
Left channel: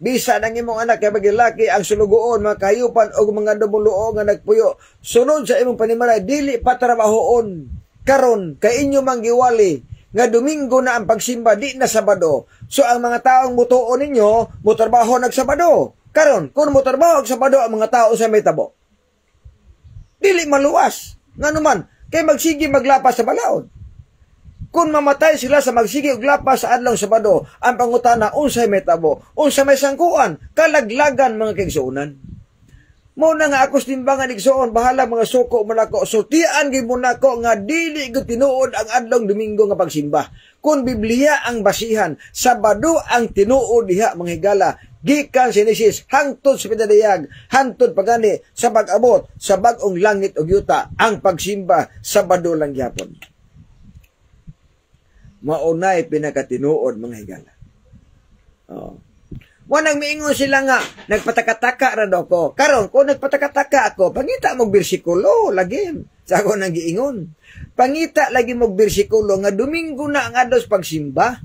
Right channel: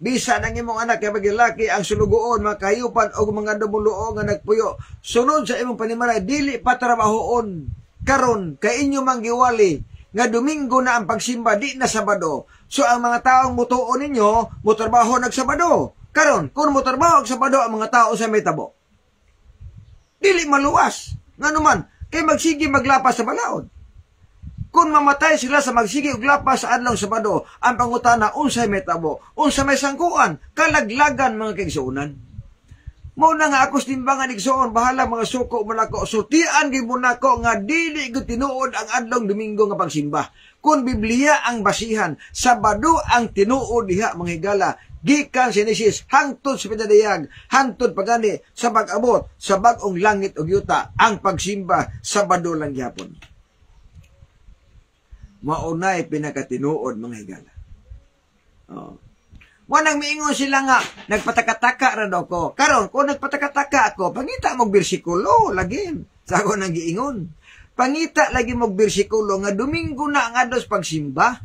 Bisa nang imong anak kay bagilaki ang sulugoon, mga kayupan o mga dumuluo nga nagpuyo. Sunod sa imong panimalay, dili pa trabahoon. Karon kay inyo manggiwali nga Domingo na ang pagsimba, di na Sabado. So ang mga taong mutuon ninyo, mutrabaho nag Sabado. Karon, kung mo trabaho sa Sabado ang mga tao sa metabo, dili maluwas. Nga naman, kay magsigi maglapas sa balaod. Kung mamatay sila sa magsigi og lapas sa adlaw Sabado, ang pangutana, unsay metabo, unsay may sangkuan, kalaglagan mga kaigsuonan. Mo na nga akos timbangan igsuon, bahala mga suko mo nako, sutian gyud mo nako nga dili gyud tinuod ang adlaw Domingo nga pagsimba. Kung Biblia ang basihan, Sabado ang tinuod diha mga higala. Gikan Genesis hangtod sa pinadayag, hangtod pagani sa pag-abot sa bag-ong langit ug yuta, ang pagsimba Sabado lang gyapon. Maunay pinakatinuod mga higala. Wanang miingon sila nga nagpatakataka ra daw ko. Karon kung nagpatakataka ako, pangita mog bersikulo lagi. Sa ako nang giingon. Pangita lagi mog bersikulo nga Domingo na ang adlaw pagsimba.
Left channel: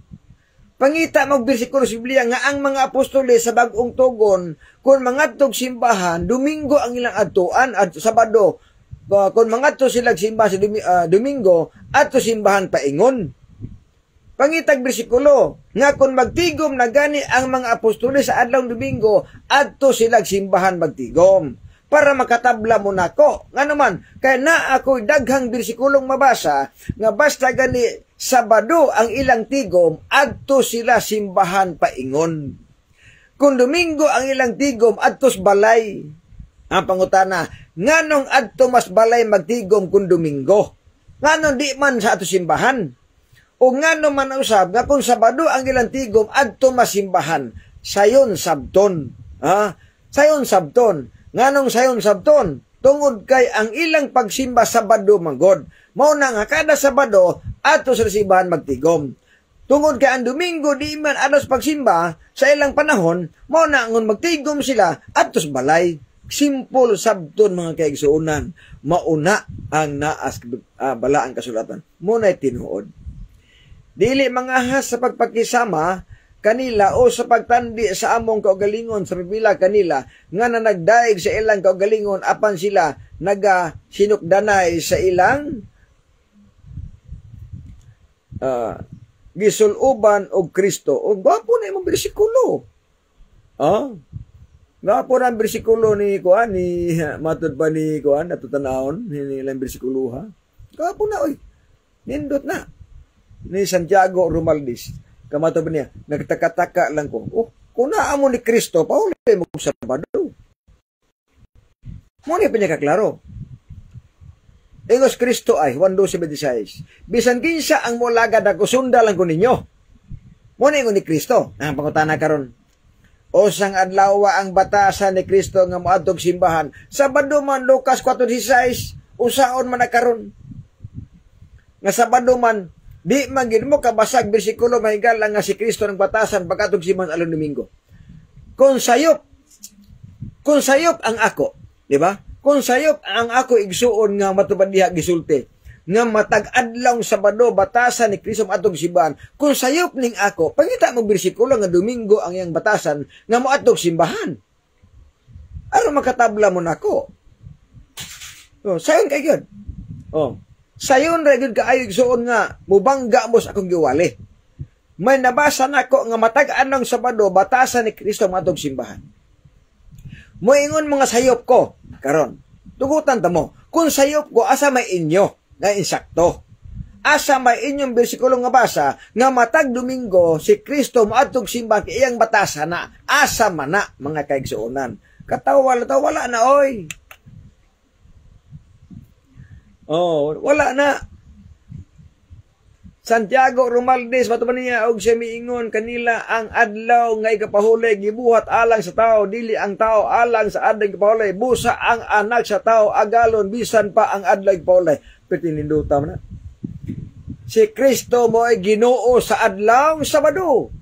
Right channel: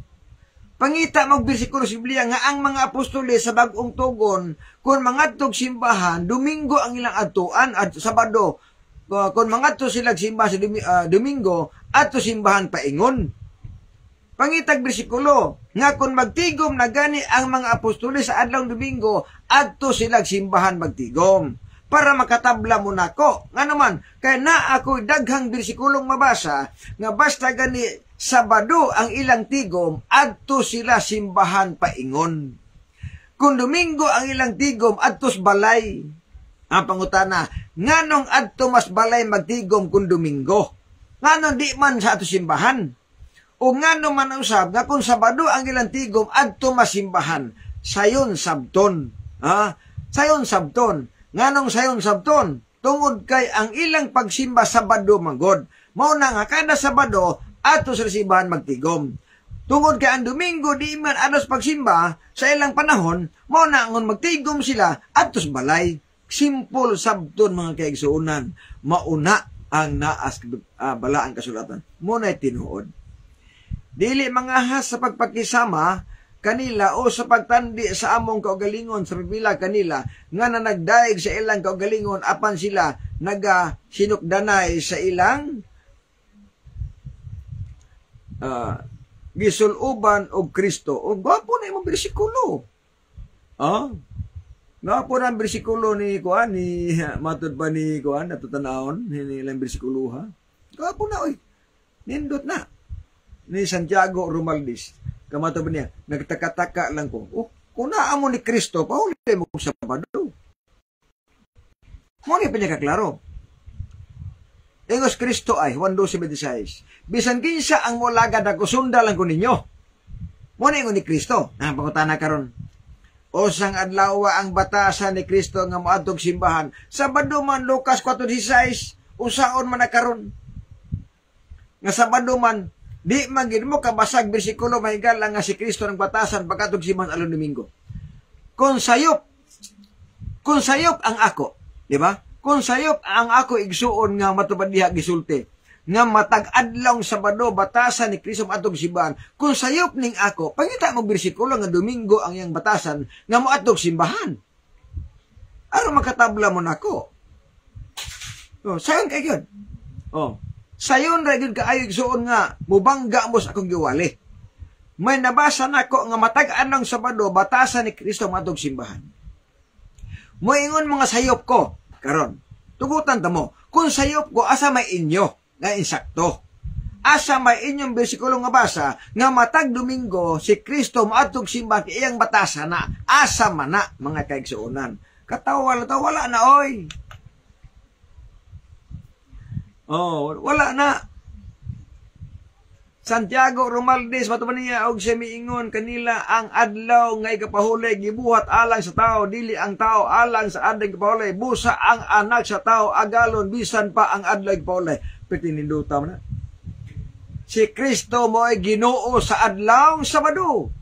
Pangita mong bersikulo sa Biblia nga ang mga apostoles sa bagong tugon, kung mangadtog simbahan, Domingo ang ilang adtuan at Sabado. Kung mangadto sila simbahan sa Domingo, adto simbahan paingon. Pangitag bersikulo nga kung magtigom na gani ang mga apostoles sa adlaw Domingo, adto sila simbahan magtigom. Para makatabla mo nako. Nga naman, kaya na ako daghang bersikulong mabasa, nga basta gani Sabado ang ilang tigom, adto sila simbahan paingon. Kung Domingo ang ilang tigom, adtos balay. Ang pangutana, nganong adto mas balay magtigom kung Domingo? Ngano di man sa ato simbahan. O ngano man usab nga kung Sabado ang ilang tigom adto masimbahan, sayon sabton. Sayon sabton. Nganong sayon sabton? Tungod kay ang ilang pagsimba Sabado manggod. Mao na nga kada Sabado ato sa simbahan magtigom. Tungod kay ang Domingo di man alas pagsimba sa ilang panahon, mao na ngon magtigom sila adto sa balay. Simple sabton mga kaigsuonan. Mauna ang naas bala ang kasulatan. Muna'y tinuod. Dili mangahas sa pagpakisama kanila o sa pagtandi sa among kaugalingon sa pipila kanila nga na nagdaig sa ilang kaugalingon apan sila sinukdanay sa ilang gisuluban og Kristo. O gwapo na imong bersikulo. Gwapo na ang bersikulo ni Kuan, ni matud pa ni Kuan, natutanahon, ni ilang bersikulo ha. Gwapo na, oy. Nindot na. Ni Santiago Romaldis. Kamato ba niya, nagtaka-taka lang ko, kung naamo ni Kristo, pauli mo sa Sabado. Muna pinakaklaro. Ingos Kristo ay, Juan 12:26. Bisan kinsa ang mulagad ako, sunda lang ko ninyo. Muna ingon ni Kristo. Ang pangutana karon. O sang adlaw ang batasan ni Kristo nga moadtog simbahan. Sabado man, Lucas 4:16, usaon man na karon. Nga Sabado man, di magin mo kabasag bersikulo mahigala nga si Kristo ng batasan pagkatog simbahan along Domingo. Kung sayop ang ako, di ba? Kung sayop ang ako igsuon nga matubad diha gisulti, nga matag adlaw Sabado batasan ni Kristo atong simbahan. Kung sayop ning ako, pangita mo bersikulo nga Domingo ang iyang batasan nga moadtog simbahan. Aron makatabla mo nako. Sayon kay gyud. Sayon ra gyud kaayo igsuon nga mubangga mo sa akong giwali. May nabasa nako nga matag-an ng Sabado batasan ni Kristo matog simbahan. Moingon mga sayop ko karon. Tugutan ta mo, kung sayop ko asa may inyo nga insakto. Asa may inyong bersikulo nga basa nga matag Domingo si Kristo maadtog simbahan kay iyang batasan na asa man na mga kaigsuonan. Wala na oy. Wala na. Santiago Romaldis matuman niya og siya miingon kanila ang adlaw nga ikapahulay gibuhat alang sa tao, dili ang tao alang sa adlaw ikapahulay. Busa ang anak sa tao agalon bisan pa ang adlaw ikapahulay. Petininduta man na. Si Kristo mo ay Ginoo sa adlaw Sabado.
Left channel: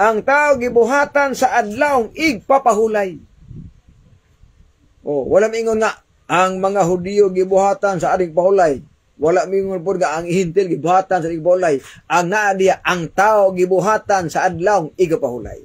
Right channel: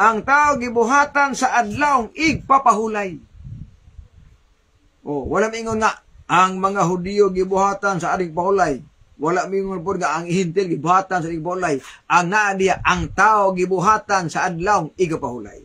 Ang tao gibuhatan sa adlaw igpapahulay. Wala miingon nga ang mga Hudiyo gibuhatan sa ading pahulay. Wala mingon po nga ang Hintil gibuhatan sa ading pahulay. Ang naadiya, ang tao gibuhatan sa adlaw igapahulay.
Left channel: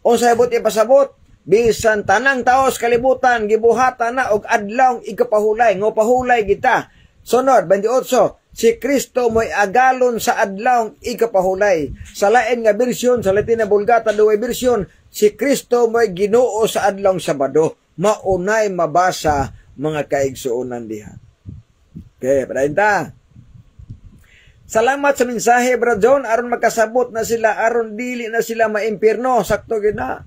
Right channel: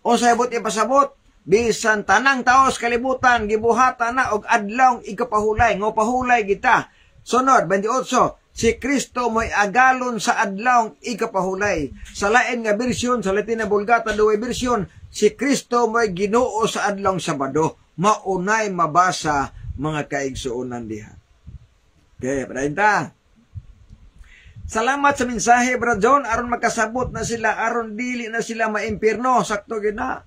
O sa ibot ipasabot, bisan tanang tao sa kalibutan gibuhatan na og adlaw igapahulay. Ngo pahulay kita. Sunod, 28, si Kristo mo'y agalon sa adlaw igapahulay. Sa lain nga bersyon, sa Latin na Vulgata, duway bersyon, si Kristo mo'y Ginoo sa adlaw Sabado. Maunay mabasa mga kaigsuonan diha. Okay, padayon ta. Salamat sa mensahe, Brad John, aron makasabot na sila, aron dili na sila maimpierno. Sakto gid na.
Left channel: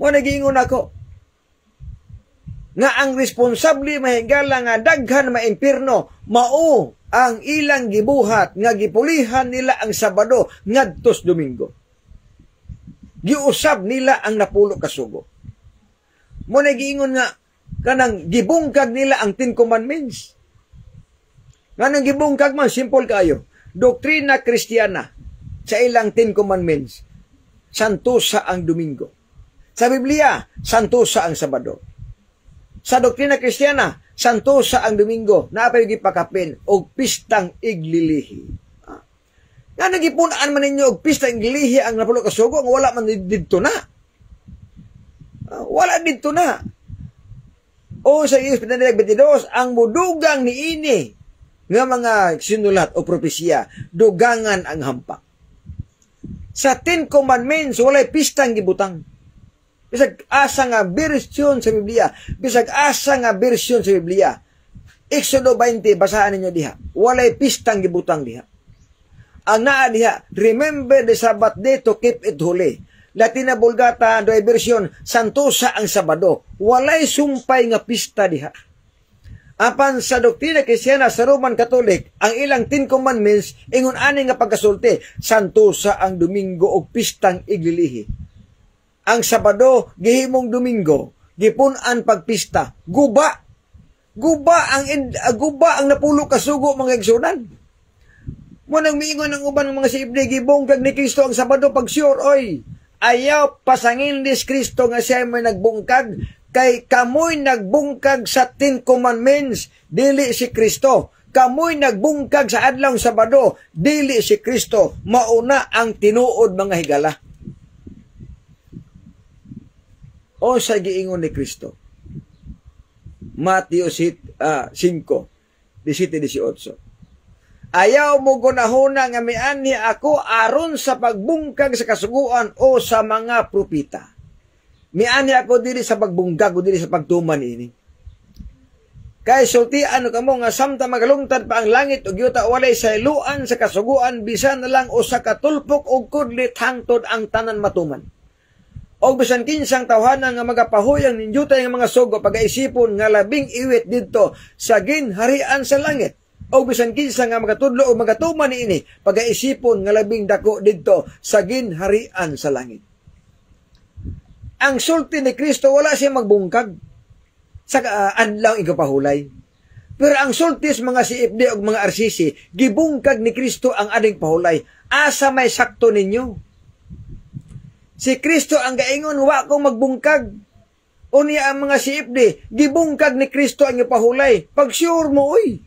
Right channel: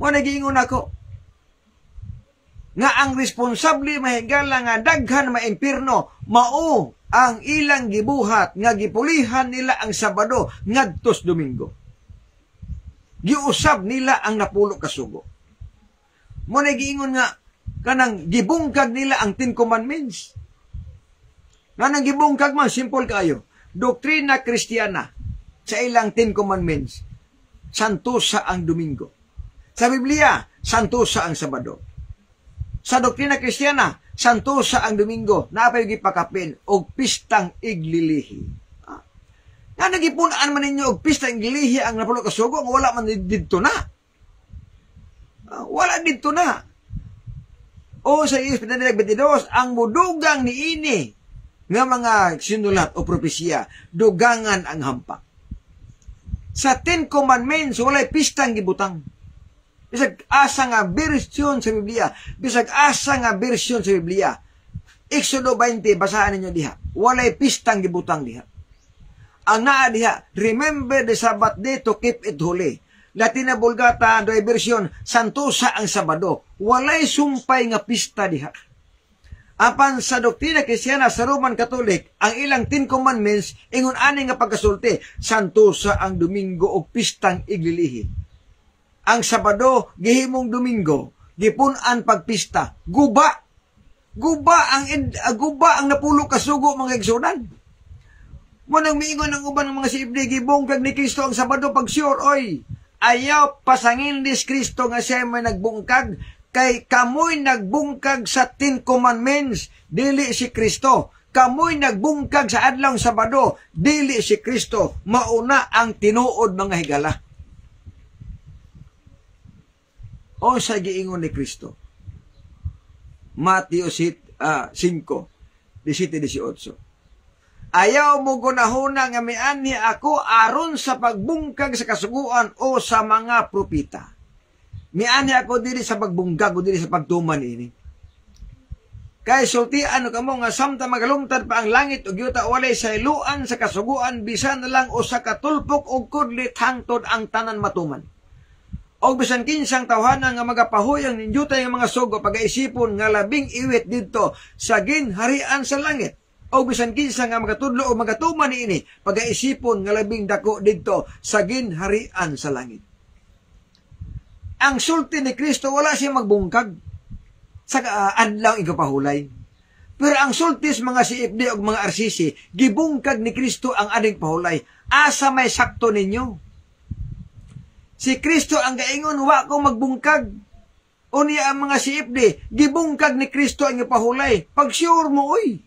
Mo nagingon ako nga ang responsable mahigala nga daghan maimpierno mao ang ilang gibuhat nga gipulihan nila ang Sabado ngadtos Domingo. Giusab nila ang napulo ka sugo. Mo nagiingon nga kanang gibungkag nila ang 10 Commandments. Kanang gibungkag man simple kaayo. Doktrina Kristiyana sa ilang 10 Commandments. Santusa ang Domingo. Sa Biblia, santusa ang Sabado. Sa doktrina Kristiyana, santusa ang Domingo. Napay gipakapin og pistang iglilihi. Nga nagipunaan man ninyo og pistang iglilihi ang napulo ka sugo, wala man didto na. Wala dito na. O sa Iyos 22, ang mudugang ni ini nga mga sinulat o propesya, dugangan ang hampak. Sa 10 Commandments, walay pistang gibutang. Bisag asa nga bersyon sa Biblia. Bisag asa nga bersyon sa Biblia. Exodo 20, basahan ninyo diha. Walay pistang gibutang diha. Ang naa diha, remember the Sabbath day to keep it holy. Latin na Vulgata, do'y bersyon, santusa ang Sabado. Walay sumpay nga pista diha. Apan sa doktrina Kristiyana sa Roman Catholic, ang ilang 10 commandments ingon ani nga pagkasulti, santosa ang Domingo og pistang iglilihi. Ang Sabado gihimong Domingo, gipun-an pagpista. Guba ang napulo ka sugo mga igsunan. Mo nang miingon ang uban ng mga siibli, gibungkag ni Kristo ang Sabado pag sure, oy. Ayaw pasangin ni Kristo nga siya may nagbungkag, kay kamoy nagbungkag sa 10 commandments, dili si Kristo. Kamoy nagbungkag sa adlaw Sabado, dili si Kristo. Mauna ang tinuod mga higala. O sa giingon ni Kristo. Mateo 5:17-18. Ayaw mo gunahuna nga mianhi ako aron sa pagbungkag sa kasuguan o sa mga propita. Mianhi ako dili sa pagbungkag o dili sa pagtuman ini. Kay sultian ka mo nga samtang magalungtad pa ang langit ug yuta walay sayluan sa kasuguan bisan na lang usa ka tulpok og kudlit hangtod ang tanan matuman. O bisan kinsang tawhanan nga magapahuyang ninjutay nga mga sugo pagaisipon nga labing iwit didto sa ginharian sa langit. O bisan kinsa nga magatudlo o magatuman niini pagaisipon nga labing dako didto sa ginharian sa langit. Ang sulti ni Kristo wala siya magbungkag sa adlaw igapahulay. Pero ang sulti sa mga CFD o mga RCC, gibungkag ni Kristo ang ading pahulay. Asa may sakto ninyo? Si Kristo ang gaingon, wa ko magbungkag. Unya ang mga CFD, gibungkag ni Kristo ang ipahulay. Pag-sure mo, oy.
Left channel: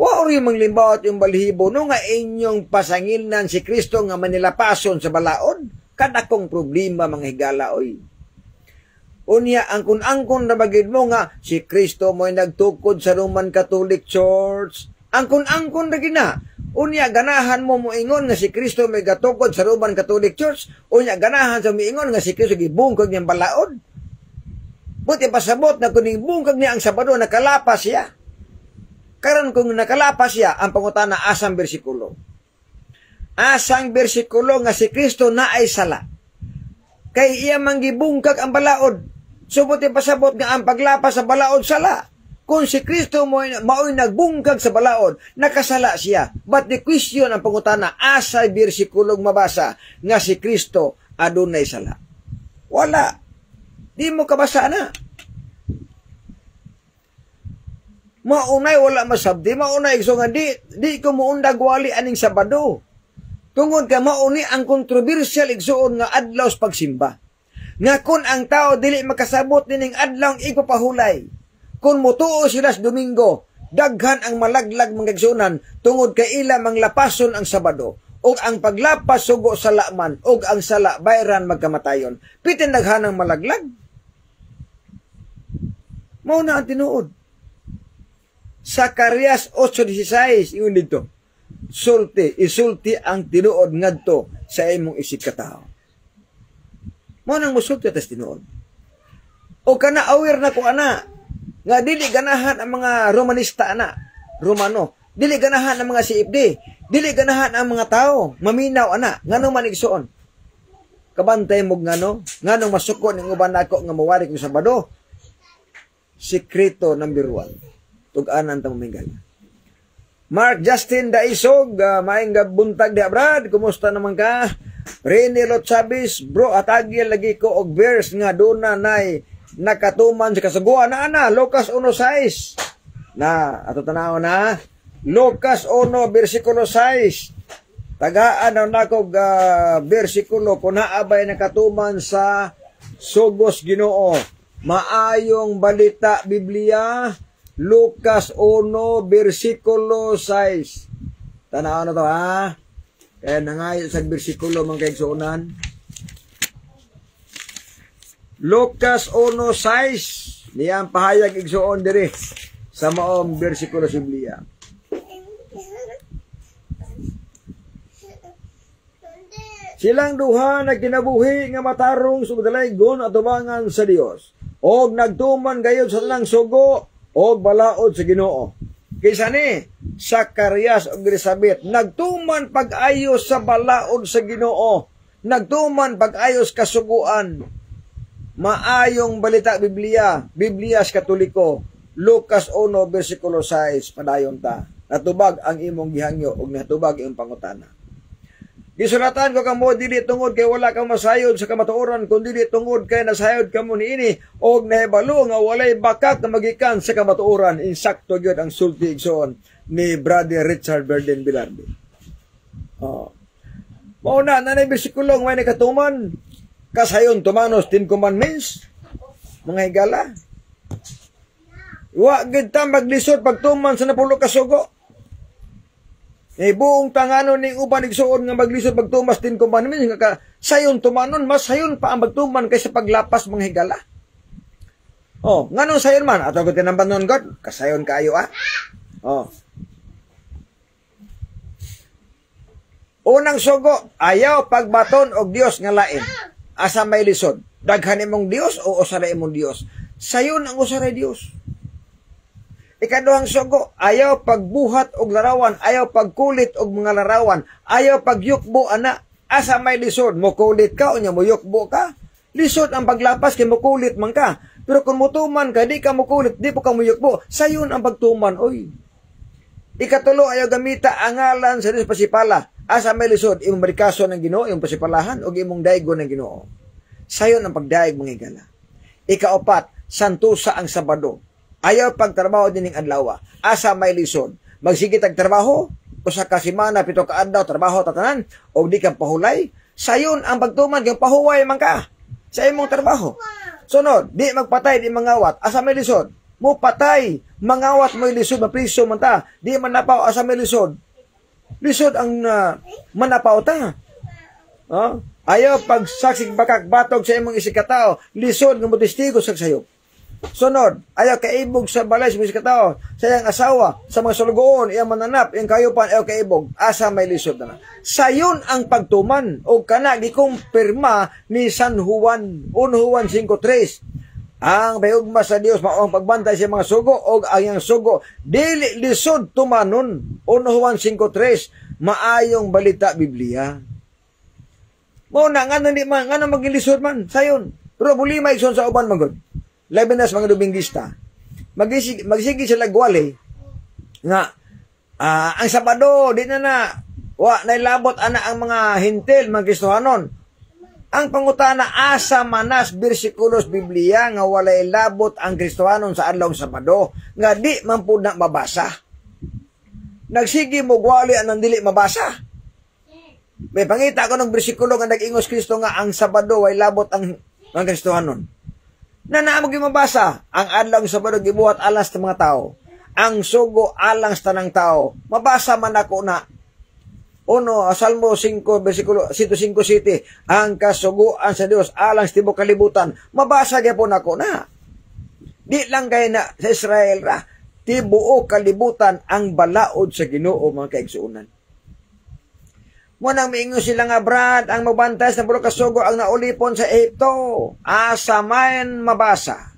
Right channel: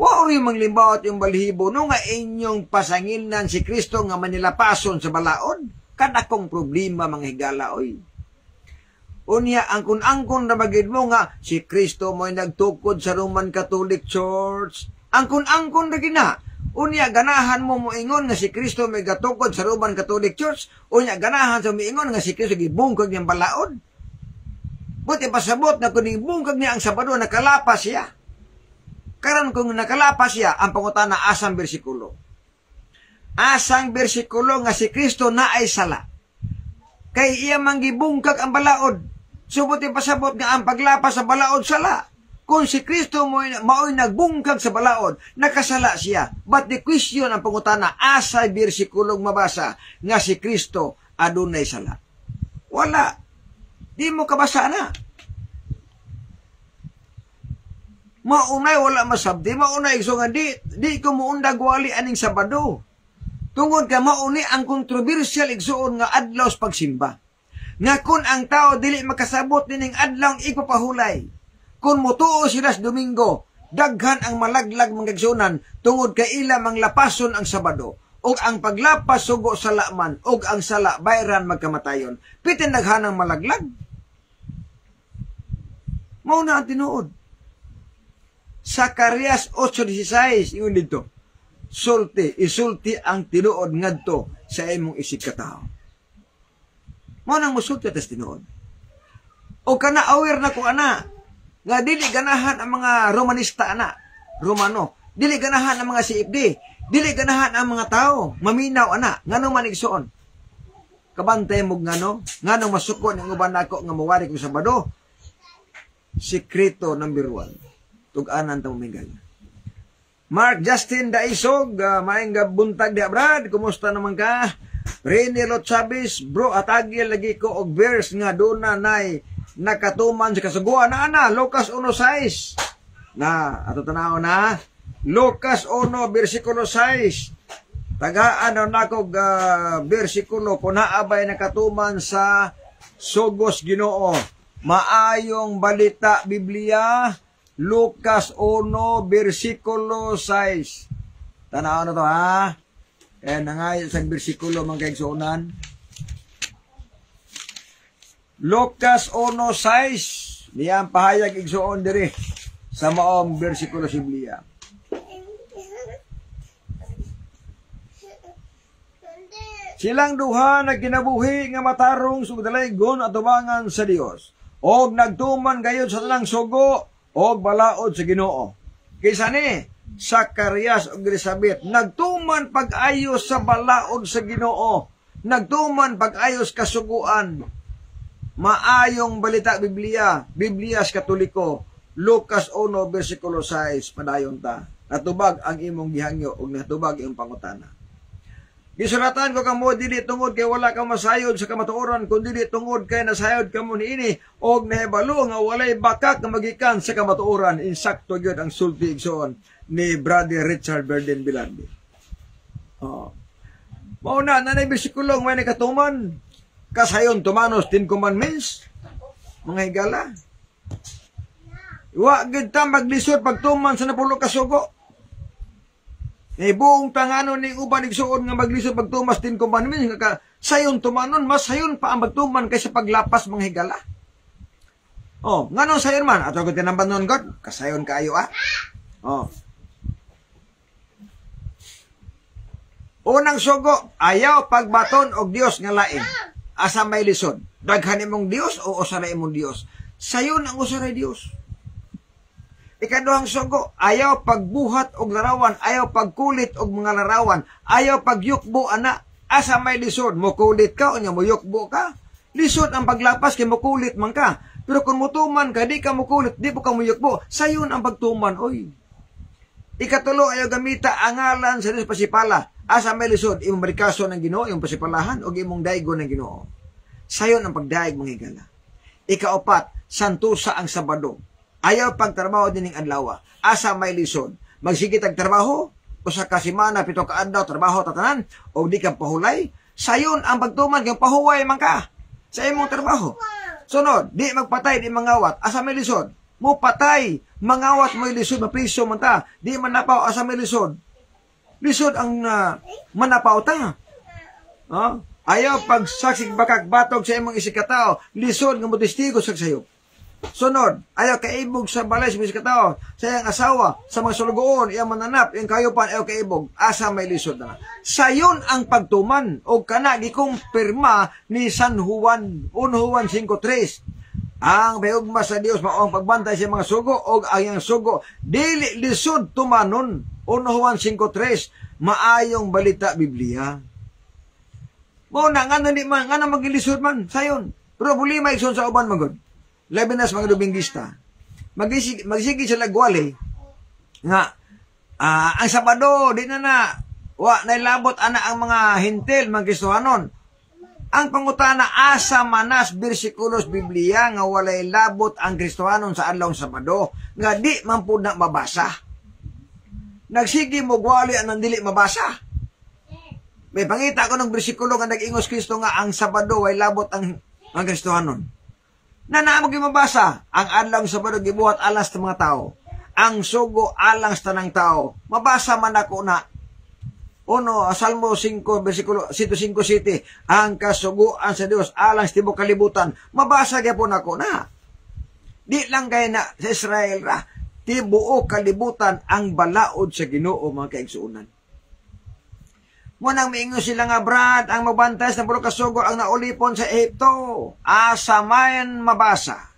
Wa ori manglimbawat yung balihibo no nga inyong pasanginan si Kristo nga manilapason sa balaod. Kadakong problema mga higala, oy. Unya, ang kun-angkon na bagid mo nga, si Kristo mo'y nagtukod sa Roman Catholic Church. Ang kun-angkon na gina. Unya, ganahan mo moingon nga si Kristo may gatukod sa Roman Catholic Church. Unya, ganahan sa moingon nga si Kristo gibungkag niyang balaod. Buti pasabot na kung ibungkag niya ang Sabado, nakalapas siya. Karon kung nakalapas siya, ang pangutana asang bersikulo. Asang bersikulo nga si Kristo na ay sala. Kay iya manggibungkag ang balaod. Subuti pasabot nga ang paglapas sa balaod sala. Kung si Kristo mao'y nagbungkag sa balaod, nakasala siya. But the question ang pangutana, asay bersikulong mabasa nga si Kristo adunay sala. Wala. Di mo kabasa na. Maunay wala masabdi, maunay so nga di ko muundag wali aning Sabado. Tungod ka mauni ang kontrobersyal igsuon nga adlaw sa pagsimba. Nga kun ang tao dili makasabot nining adlaw ipapahulay. Kung mutuo sila sa Domingo, daghan ang malaglag mga igsuonan tungod kay ila manglapason ang Sabado. Og ang paglapas sugo sa laman, og ang sala bayran magkamatayon. Pitin daghan ang malaglag. Mao na ang tinuod. Zacarias 8:16 ingon dito. Isulti ang tinuod ngadto sa imong isig katao. Mo nang musulti tas tinuod. O kana aware na ko ana nga dili ganahan ang mga Romanista ana, Romano, dili ganahan ang mga CFD, dili ganahan ang mga tao, maminaw ana, ngano man igsuon. Kabantay mo ngano masuko ning uban nako nga mawari kung Sabado. Sikreto number 1. Tug-anan ta mamingay. Mark Justin Daisog, maayong buntag di Brad, kumusta naman ka? Rene Lot Chavez, bro, atagil lagi ko og verse nga duna nay nakatuman sa kasuguan na ana, Lucas 1:6. Na, ato tanaw na, Lucas 1, versikulo 6. Tagaan na nako versikulo kung naabay nakatuman sa sugos Ginoo. Maayong balita Biblia, Lucas 1, versikulo 6. Tanaw na to ha. Kaya nangayon sa versikulo mga kaigsuonan. Lucas 1:6. Niyang pahayag igsuon diri sa maong versikulo sa Biblia. Silang duha nagkinabuhi nga matarong sugdalaygon at tubangan sa Dios. Og nagtuman gayud sa tanang sugo og balaod sa Ginoo. Kaysa ni Zacarias og Elizabeth nagtuman pag-ayos sa balaod sa Ginoo. Nagtuman pag-ayos kasuguan. Maayong balita Biblia sa Katoliko. Lucas 1 versikulo 6 padayon ta. Natubag ang imong gihangyo ug natubag imong pangutana. Gisulatan ko kamo dili tungod kay wala ka masayod sa kamatuoran kundi dili tungod kay nasayod kamo niini og nahibalo nga walay bakak nga magikan sa kamatuoran. Insakto gyud ang sulti igsoon ni Brother Richard Burden Bilardi. Mauna na na bersikulo nga may katuman kasayon tumanos 10 commandments mga higala. Wa gid ta maglisod pagtuman sa 10 ka sugo. Buong tanganon ning uban igsuon nga maglisod pagtumas 10 commandments nga sayon tumanon mas sayon pa ang magtuman kaysa paglapas mga higala. Nganong sayon man ato gid tinamban nun God kasayon kaayo Unang sugo, ayaw pagbaton og Dios nga lain. Asa may lisod? Daghan imong Dios o usa ra imong Dios? Sayon ang usa ra Dios. Ikaduhang sugo, ayaw pagbuhat og larawan, ayaw pagkulit og mga larawan, ayaw pagyukbo ana. Asa may lisod? Mukulit ka o nya muyukbo ka? Lisod ang paglapas kay mukulit man ka. Pero kung mutuman ka, di ka mukulit, di po ka muyukbo. Sayon ang pagtuman, oy. Ikatulo, ayaw gamita ang ngalan sa Diyos pasipala. Asa may lisod? Imong marikaso ng Ginoo, imong pasipalahan, o imong daigo ng Ginoo. Sayon ang pagdaig mga higala. Ikaapat, santusa ang Sabado. Ayaw pagtrabaho dining adlaw. Asa may lisod? Magsige tag trabaho usa ka semana 7 ka adlaw trabaho tatanan o di ka pahulay. Sayon ang pagtuman kay pahuway man ka sa imong trabaho. Sunod, di magpatay di mangawat. Asa may lisod? Mo patay, mangawat mo lisod mapriso man ta. Di man napaw asa may lisod. Lisod ang manapaw ta. Ayaw pagsaksig bakak batog sa imong isikatao. Lisod nga mo testigo sa sayop. Sunod, ayaw kaibog sa balay sa mga katao, sa iyang asawa, sa mga sulugoon, iyang mananap, iyang kayupan, ayaw kaibog, asa may lisod na. Sayon ang pagtuman, o kana gikumpirma ni San Juan, 1 Juan 5:3. Ang bayugma sa Dios mao ang pagbantay sa mga sugo, o ang iyang sugo, dili lisod tumanon, 1 Juan 5:3, maayong balita Biblia. Muna, nga na maging lisod man, sayon. Pero bulima ikson sa uban magod. Labi na sa mga Dominguista, magsige sila gwali nga ang Sabado di na wa nailabot ana ang mga hintil mga Kristohanon. Ang pangutana asa manas bersikulos Biblia nga walay labot ang Kristohanon sa adlaw Sabado nga di man pud na mabasa. Nagsige mo gwali anang dili mabasa. May pangita ko ng bersikulo nga nag-ingos Kristo nga ang Sabado way labot ang Kristohanon. Na naamog yung mabasa, ang adlaw Sabado gibuhat alang sa mga tao. Ang sugo alang sa tanang tao. Mabasa man ako na Salmo 5, versikulo 105:7, ang kasuguan sa Dios alang sa tibok kalibutan. Mabasa gyapon ako na. Di lang kay na sa Israel ra, tibuok kalibutan ang balaod sa Ginoo mga kaigsuonan. Munang miingon sila nga Brad, ang magbantay sa 10 ka sugo ang naulipon sa Ehipto. Asa man mabasa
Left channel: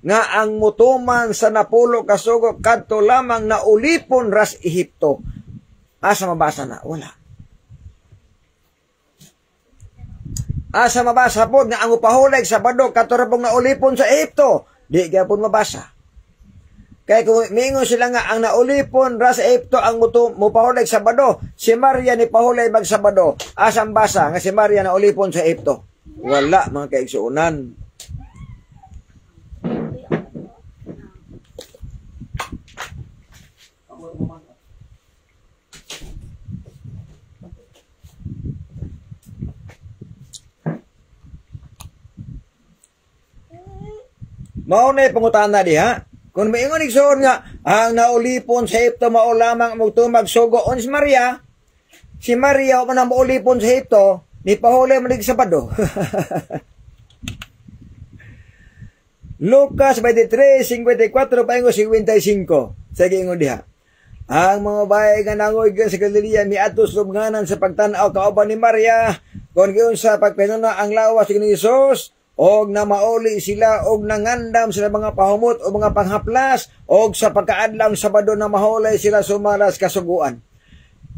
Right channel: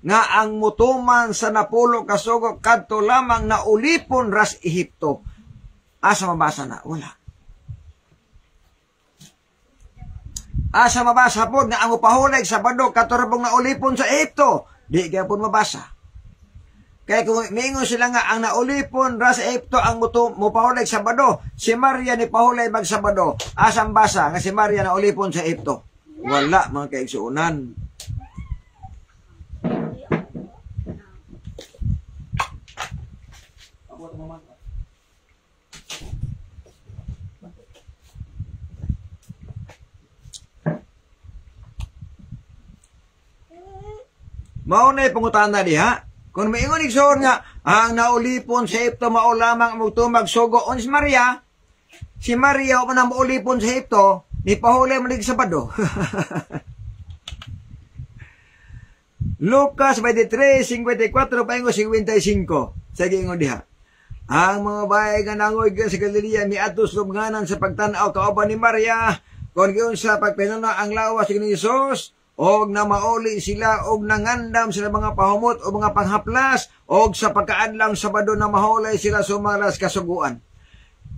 nga ang mutuman sa 10 ka sugo kadto lamang naulipon ras Ehipto. Asa mabasa na? Wala. Asa mabasa po nga ang upahulig sa Sabado kadto rabong naulipon sa Ehipto. Di gyapon mabasa. Kaya kung miingon sila nga ang naulipon ra sa Ehipto ang mupahulig sa Sabado, si Maria ni pahulig mag Sabado. Asang basa nga si Maria naulipon sa Ehipto? Wala mga kaigsuonan. Maunay pangutana diha. Kung maingon igsoon nga ang naulipon sa Ehipto mao lamang magtumag sugo on si Maria o man maulipon sa Ehipto ni pahuli man sa Sabado. Lucas 23:54 paingon 55. Sige ingon diha. Ang mga bayi nga nangoy sa Galilea miadto sa lubnganan sa pagtan-aw kauban ni Maria kon giun sa pagpinuno ang lawas ni Hesus. Og na mauli sila og nangandam sila mga pahumot o mga panghaplas og sa pagkaadlang Sabado na mahulay sila sumaras kasuguan.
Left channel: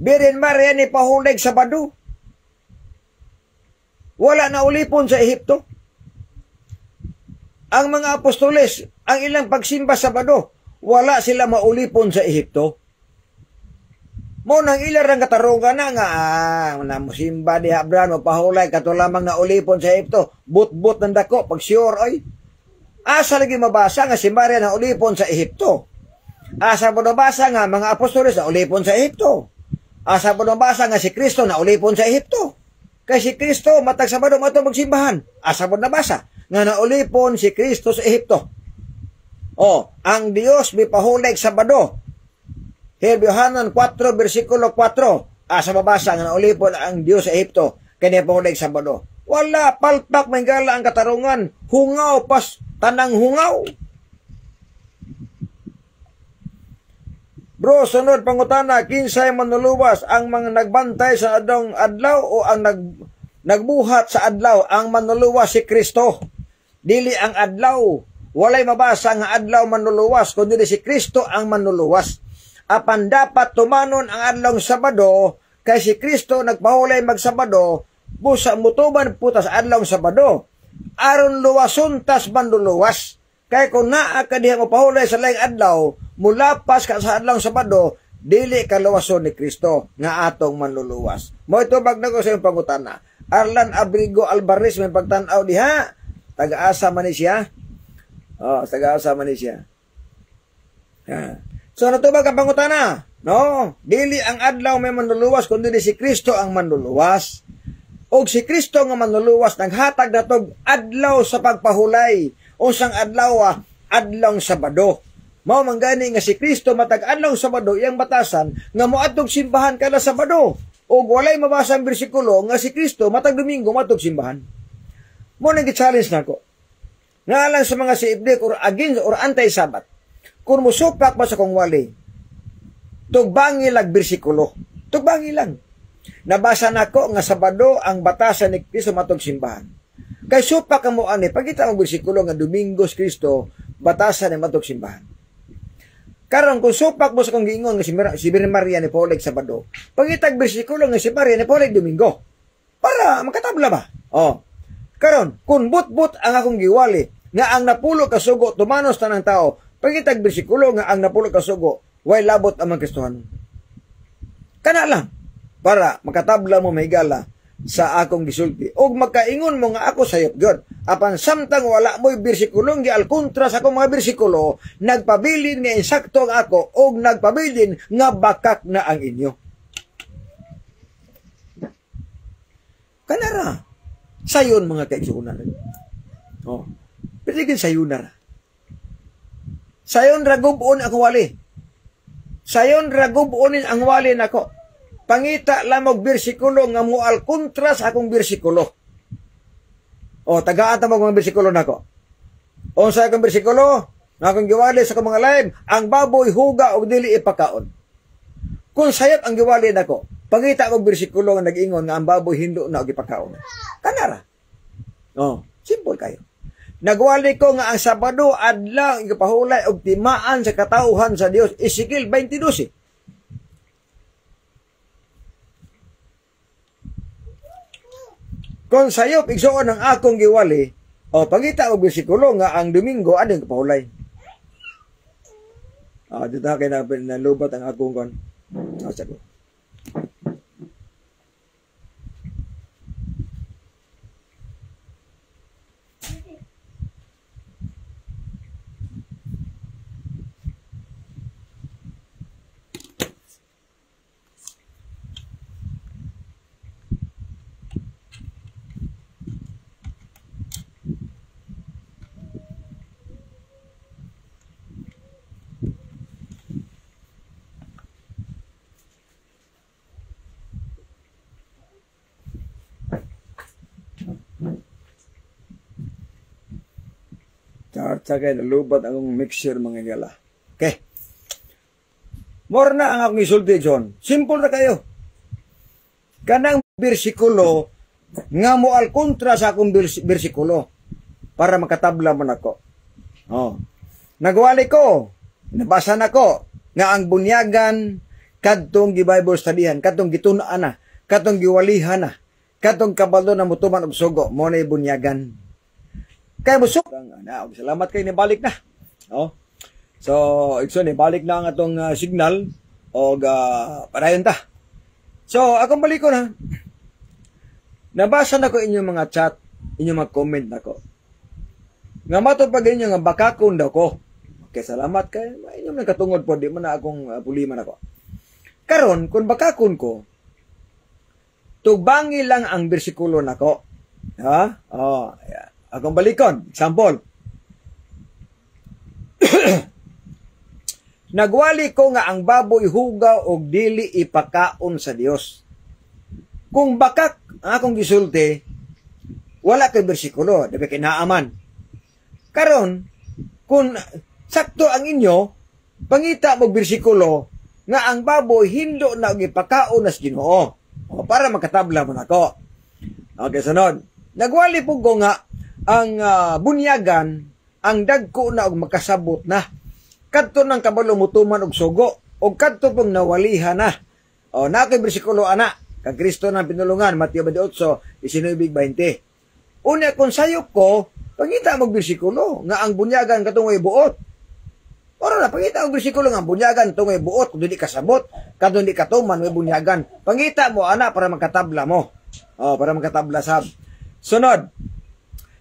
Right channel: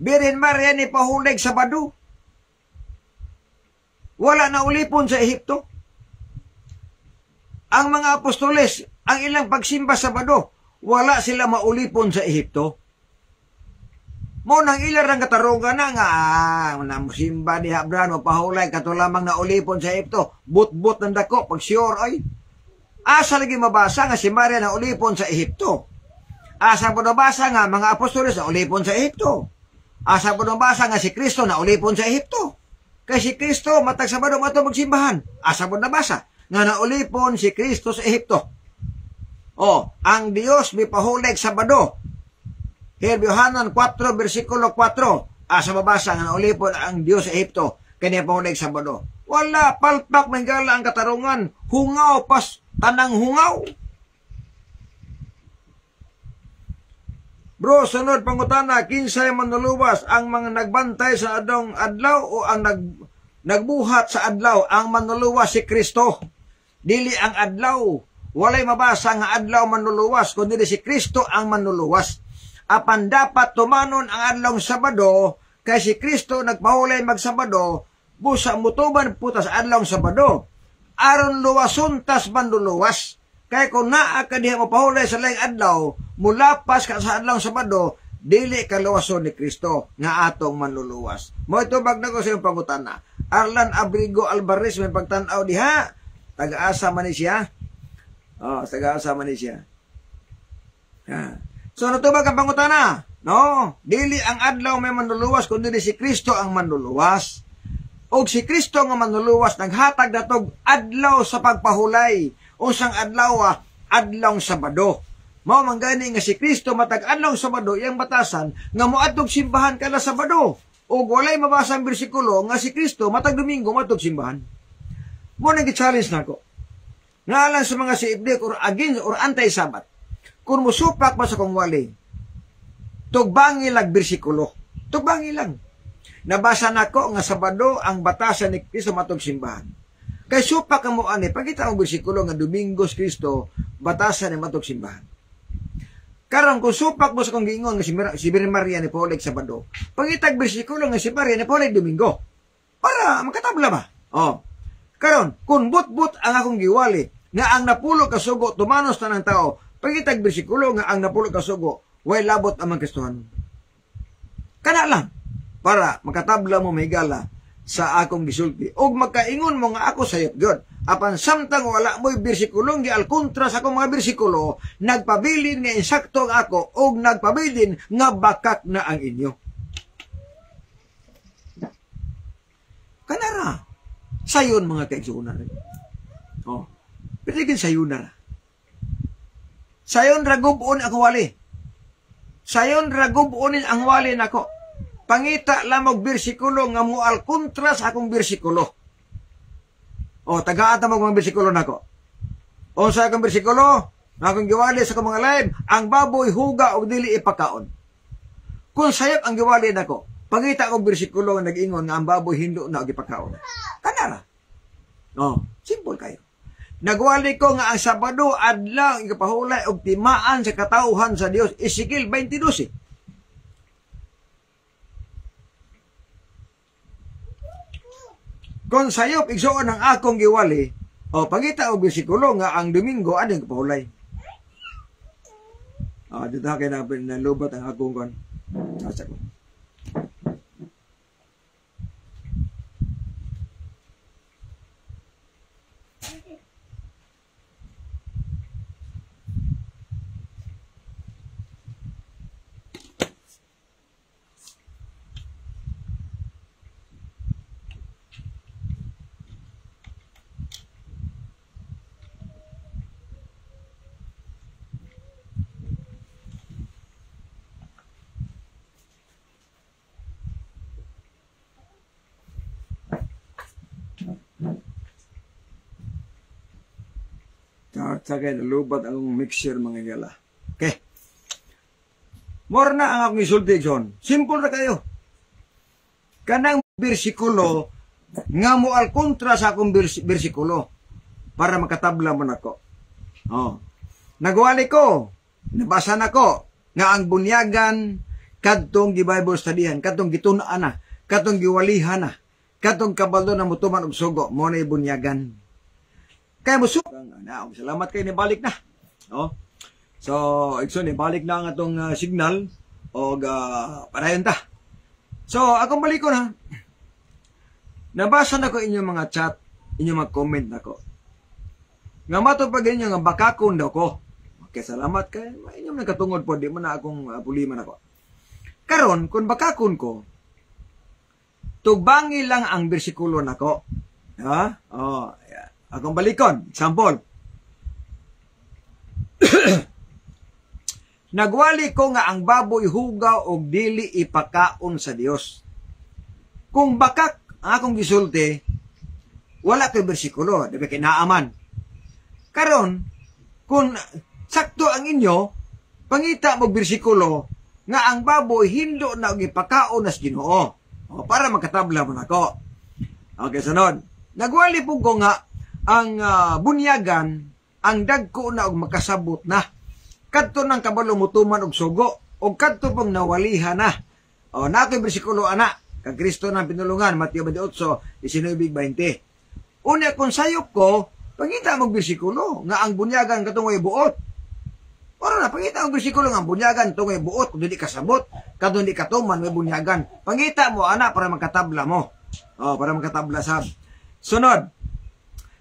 Birin Maria ni pahulig Sabado. Wala na ulipon sa Ehipto. Ang mga apostoles ang ilang pagsimba Sabado, wala sila maulipon sa Ehipto. Mo nang ilarang katarungan na nga, namusimba di Habran, mapahulay, kato lamang na ulipon sa Ehipto, but-but ng dako, pag sure, oy. Asa lagi mabasa nga si Maria na ulipon sa Ehipto. Asa po nabasa nga mga apostoles na ulipon sa Ehipto. Asa po nabasa nga si Kristo na ulipon sa Ehipto. Kay si Kristo matag Sabado mato magsimbahan. Asa po nabasa nga naulipon si Kristo sa Ehipto. O, ang Dios mipahulig Sabado. Yohanan 4 versikulo 4. Asa mabasa nga naulipon ang Dios sa Ehipto kanya pahulig Sabado. Wala, palpak manggala ang katarungan. Hungaw pas tanang hungaw. Bro, sunod pangutana, kinsay manluluwas ang mga nagbantay sa adong adlaw o ang nagbuhat sa adlaw? Ang manluluwas si Kristo. Dili ang adlaw. Walay mabasa nga adlaw manluluwas, kundi si Kristo ang manluluwas. Apan dapat tumanon ang adlaw Sabado, kay si Kristo nagpahulay magsabado, busa mutuban putas adlaw Sabado. Aron luwason tas manluluwas. Kaya kung naa ka diha mo pahulay sa laing adlaw, mulapas ka sa adlaw Sabado, dili ka luwason ni Kristo nga atong manluluwas. Mo ito bagna ko sa iyong pangutana. Arlan Abrigo Alvarez may pagtanaw diha. Taga-asa man ni siya. Oh, taga-asa man ni siya. So natubag ang pangutana. No, dili ang adlaw may manluluwas kundi si Kristo ang manluluwas. Og si Kristo nga manluluwas naghatag natog adlaw sa pagpahulay. Unsang adlaw, adlaw Sabado. Mao man gani nga si Kristo matag adlaw Sabado iyang batasan nga moadtog simbahan kada Sabado. Og walay mabasa ang bersikulo nga si Kristo matag Domingo moadtog simbahan. Mo nang gi-challenge nako. Ngalan sa mga siibdik or against or anti-Sabat. Kung musupak ba sa kong wali, tugbangi lag bersikulo. Tugbangi lang. Nabasa nako nga Sabado ang batasan ni Kristo matog simbahan. Kay supak ka mo ani, pagkita ang bersikulo nga Domingos Kristo, batasan ni matog simbahan. Karon kung supak mo sa kong giingon nga si Birhen Maria ni Paulig Sabado, pagkita ang bersikulo nga si Maria ni Paulig Domingo, para makatabla ba? Oh. Karon, kung but-but ang akong giwali, nga ang napulo ka sugo, tumanos tanang tao, pagkita ang bersikulo nga ang napulo ka sugo, way labot ang mga Kristohan. Kana lang, para makatabla mo mahigala, sa akong gisulti. Og magkaingon mo nga ako sayop God. Apan samtang wala mo'y bersikulong di alkontra sa akong mga bersikulo, nagpabilin nga insakto ang ako, og nagpabilin nga bakak na ang inyo. Kanara. Sayon mga kaigsuunan. Oh. Pitigin sayon na. Sayon ragubuon ang wali. Sayon ragubuonin ang wali nako. Pangita lamog bersikulo nga mual kontra sa akong bersikulo. O, tagaan mo mga bersikulo nako. O sa akong bersikulo, nga akong giwali sa akong mga live, ang baboy huga o dili ipakaon. Kung sayap ang giwali nako, pangita akong bersikulo nga nag-ingon nga ang baboy hindo na og ipakaon. Kanara. O, simple kayo. Nagwali ko nga ang Sabado adlaw igapahulay og timaan sa katauhan sa Dios. Ezekiel 22. Kung sayop igsuon ang akong giwali, o pangita og bersikulo nga ang Domingo ading kapahulay. Dito kay na lubat ang akong kon. Asa ko. Tagay nalubat ang mixer mga gala. Okay. More na ang akong isulti, John. Simple na kayo. Kanang bersikulo nga mo al kontra sa akong bersikulo para makatabla mo nako. Oh. Nagwali ko, nabasa nako nga ang bunyagan kadtong gi-Bible studyhan, kadtong gitunaan na, kadtong giwalihan na, kadtong kabalo na mutuman og sugo, mo na bunyagan. Kaya mo salamat kayo ni balik na. Oh. So, ikson balik na ang atong signal o padayon ta. So, akong balik ko na. Nabasa na ko inyong mga chat, inyong mga comment na ko. Nga matupag inyo nga bakakon daw ko. Okay, salamat kay inyong nagkatungod po, di mo na akong puliman ako. Karon, kung bakakon ko, tugbangi lang ang bersikulo nako. Ha? Oh, yeah. Akong balikon. Example. Nagwali ko nga ang baboy hugaw og dili ipakaon sa Dios. Kung bakak ang akong gisulti, wala kay bersikulo, dapat kinaaman. Karon, kung sakto ang inyo, pangita mo bersikulo nga ang baboy hindo na og ipakaon sa Ginoo. O, para makatabla mo nako. Okay, sunod. Nagwali po ko nga ang bunyagan, ang dagko na og makasabot na. Kadto ng kabalo mutuman og sugo, og kadto pong nawalihan na. O, na ako'y bersikulo ana, kag Kristo ng pinulungan, Mateo 28, 19-20. Una, kung sayop ko, pangita mong bersikulo, nga ang bunyagan katungoy buot. Ora na, pangita mong bersikulo nga ang bunyagan tungoy buot, kung di kasabot, kadto di katuman, may bunyagan. Pangita mo, ana, para magkatabla mo. O, para magkatabla sab. Sunod,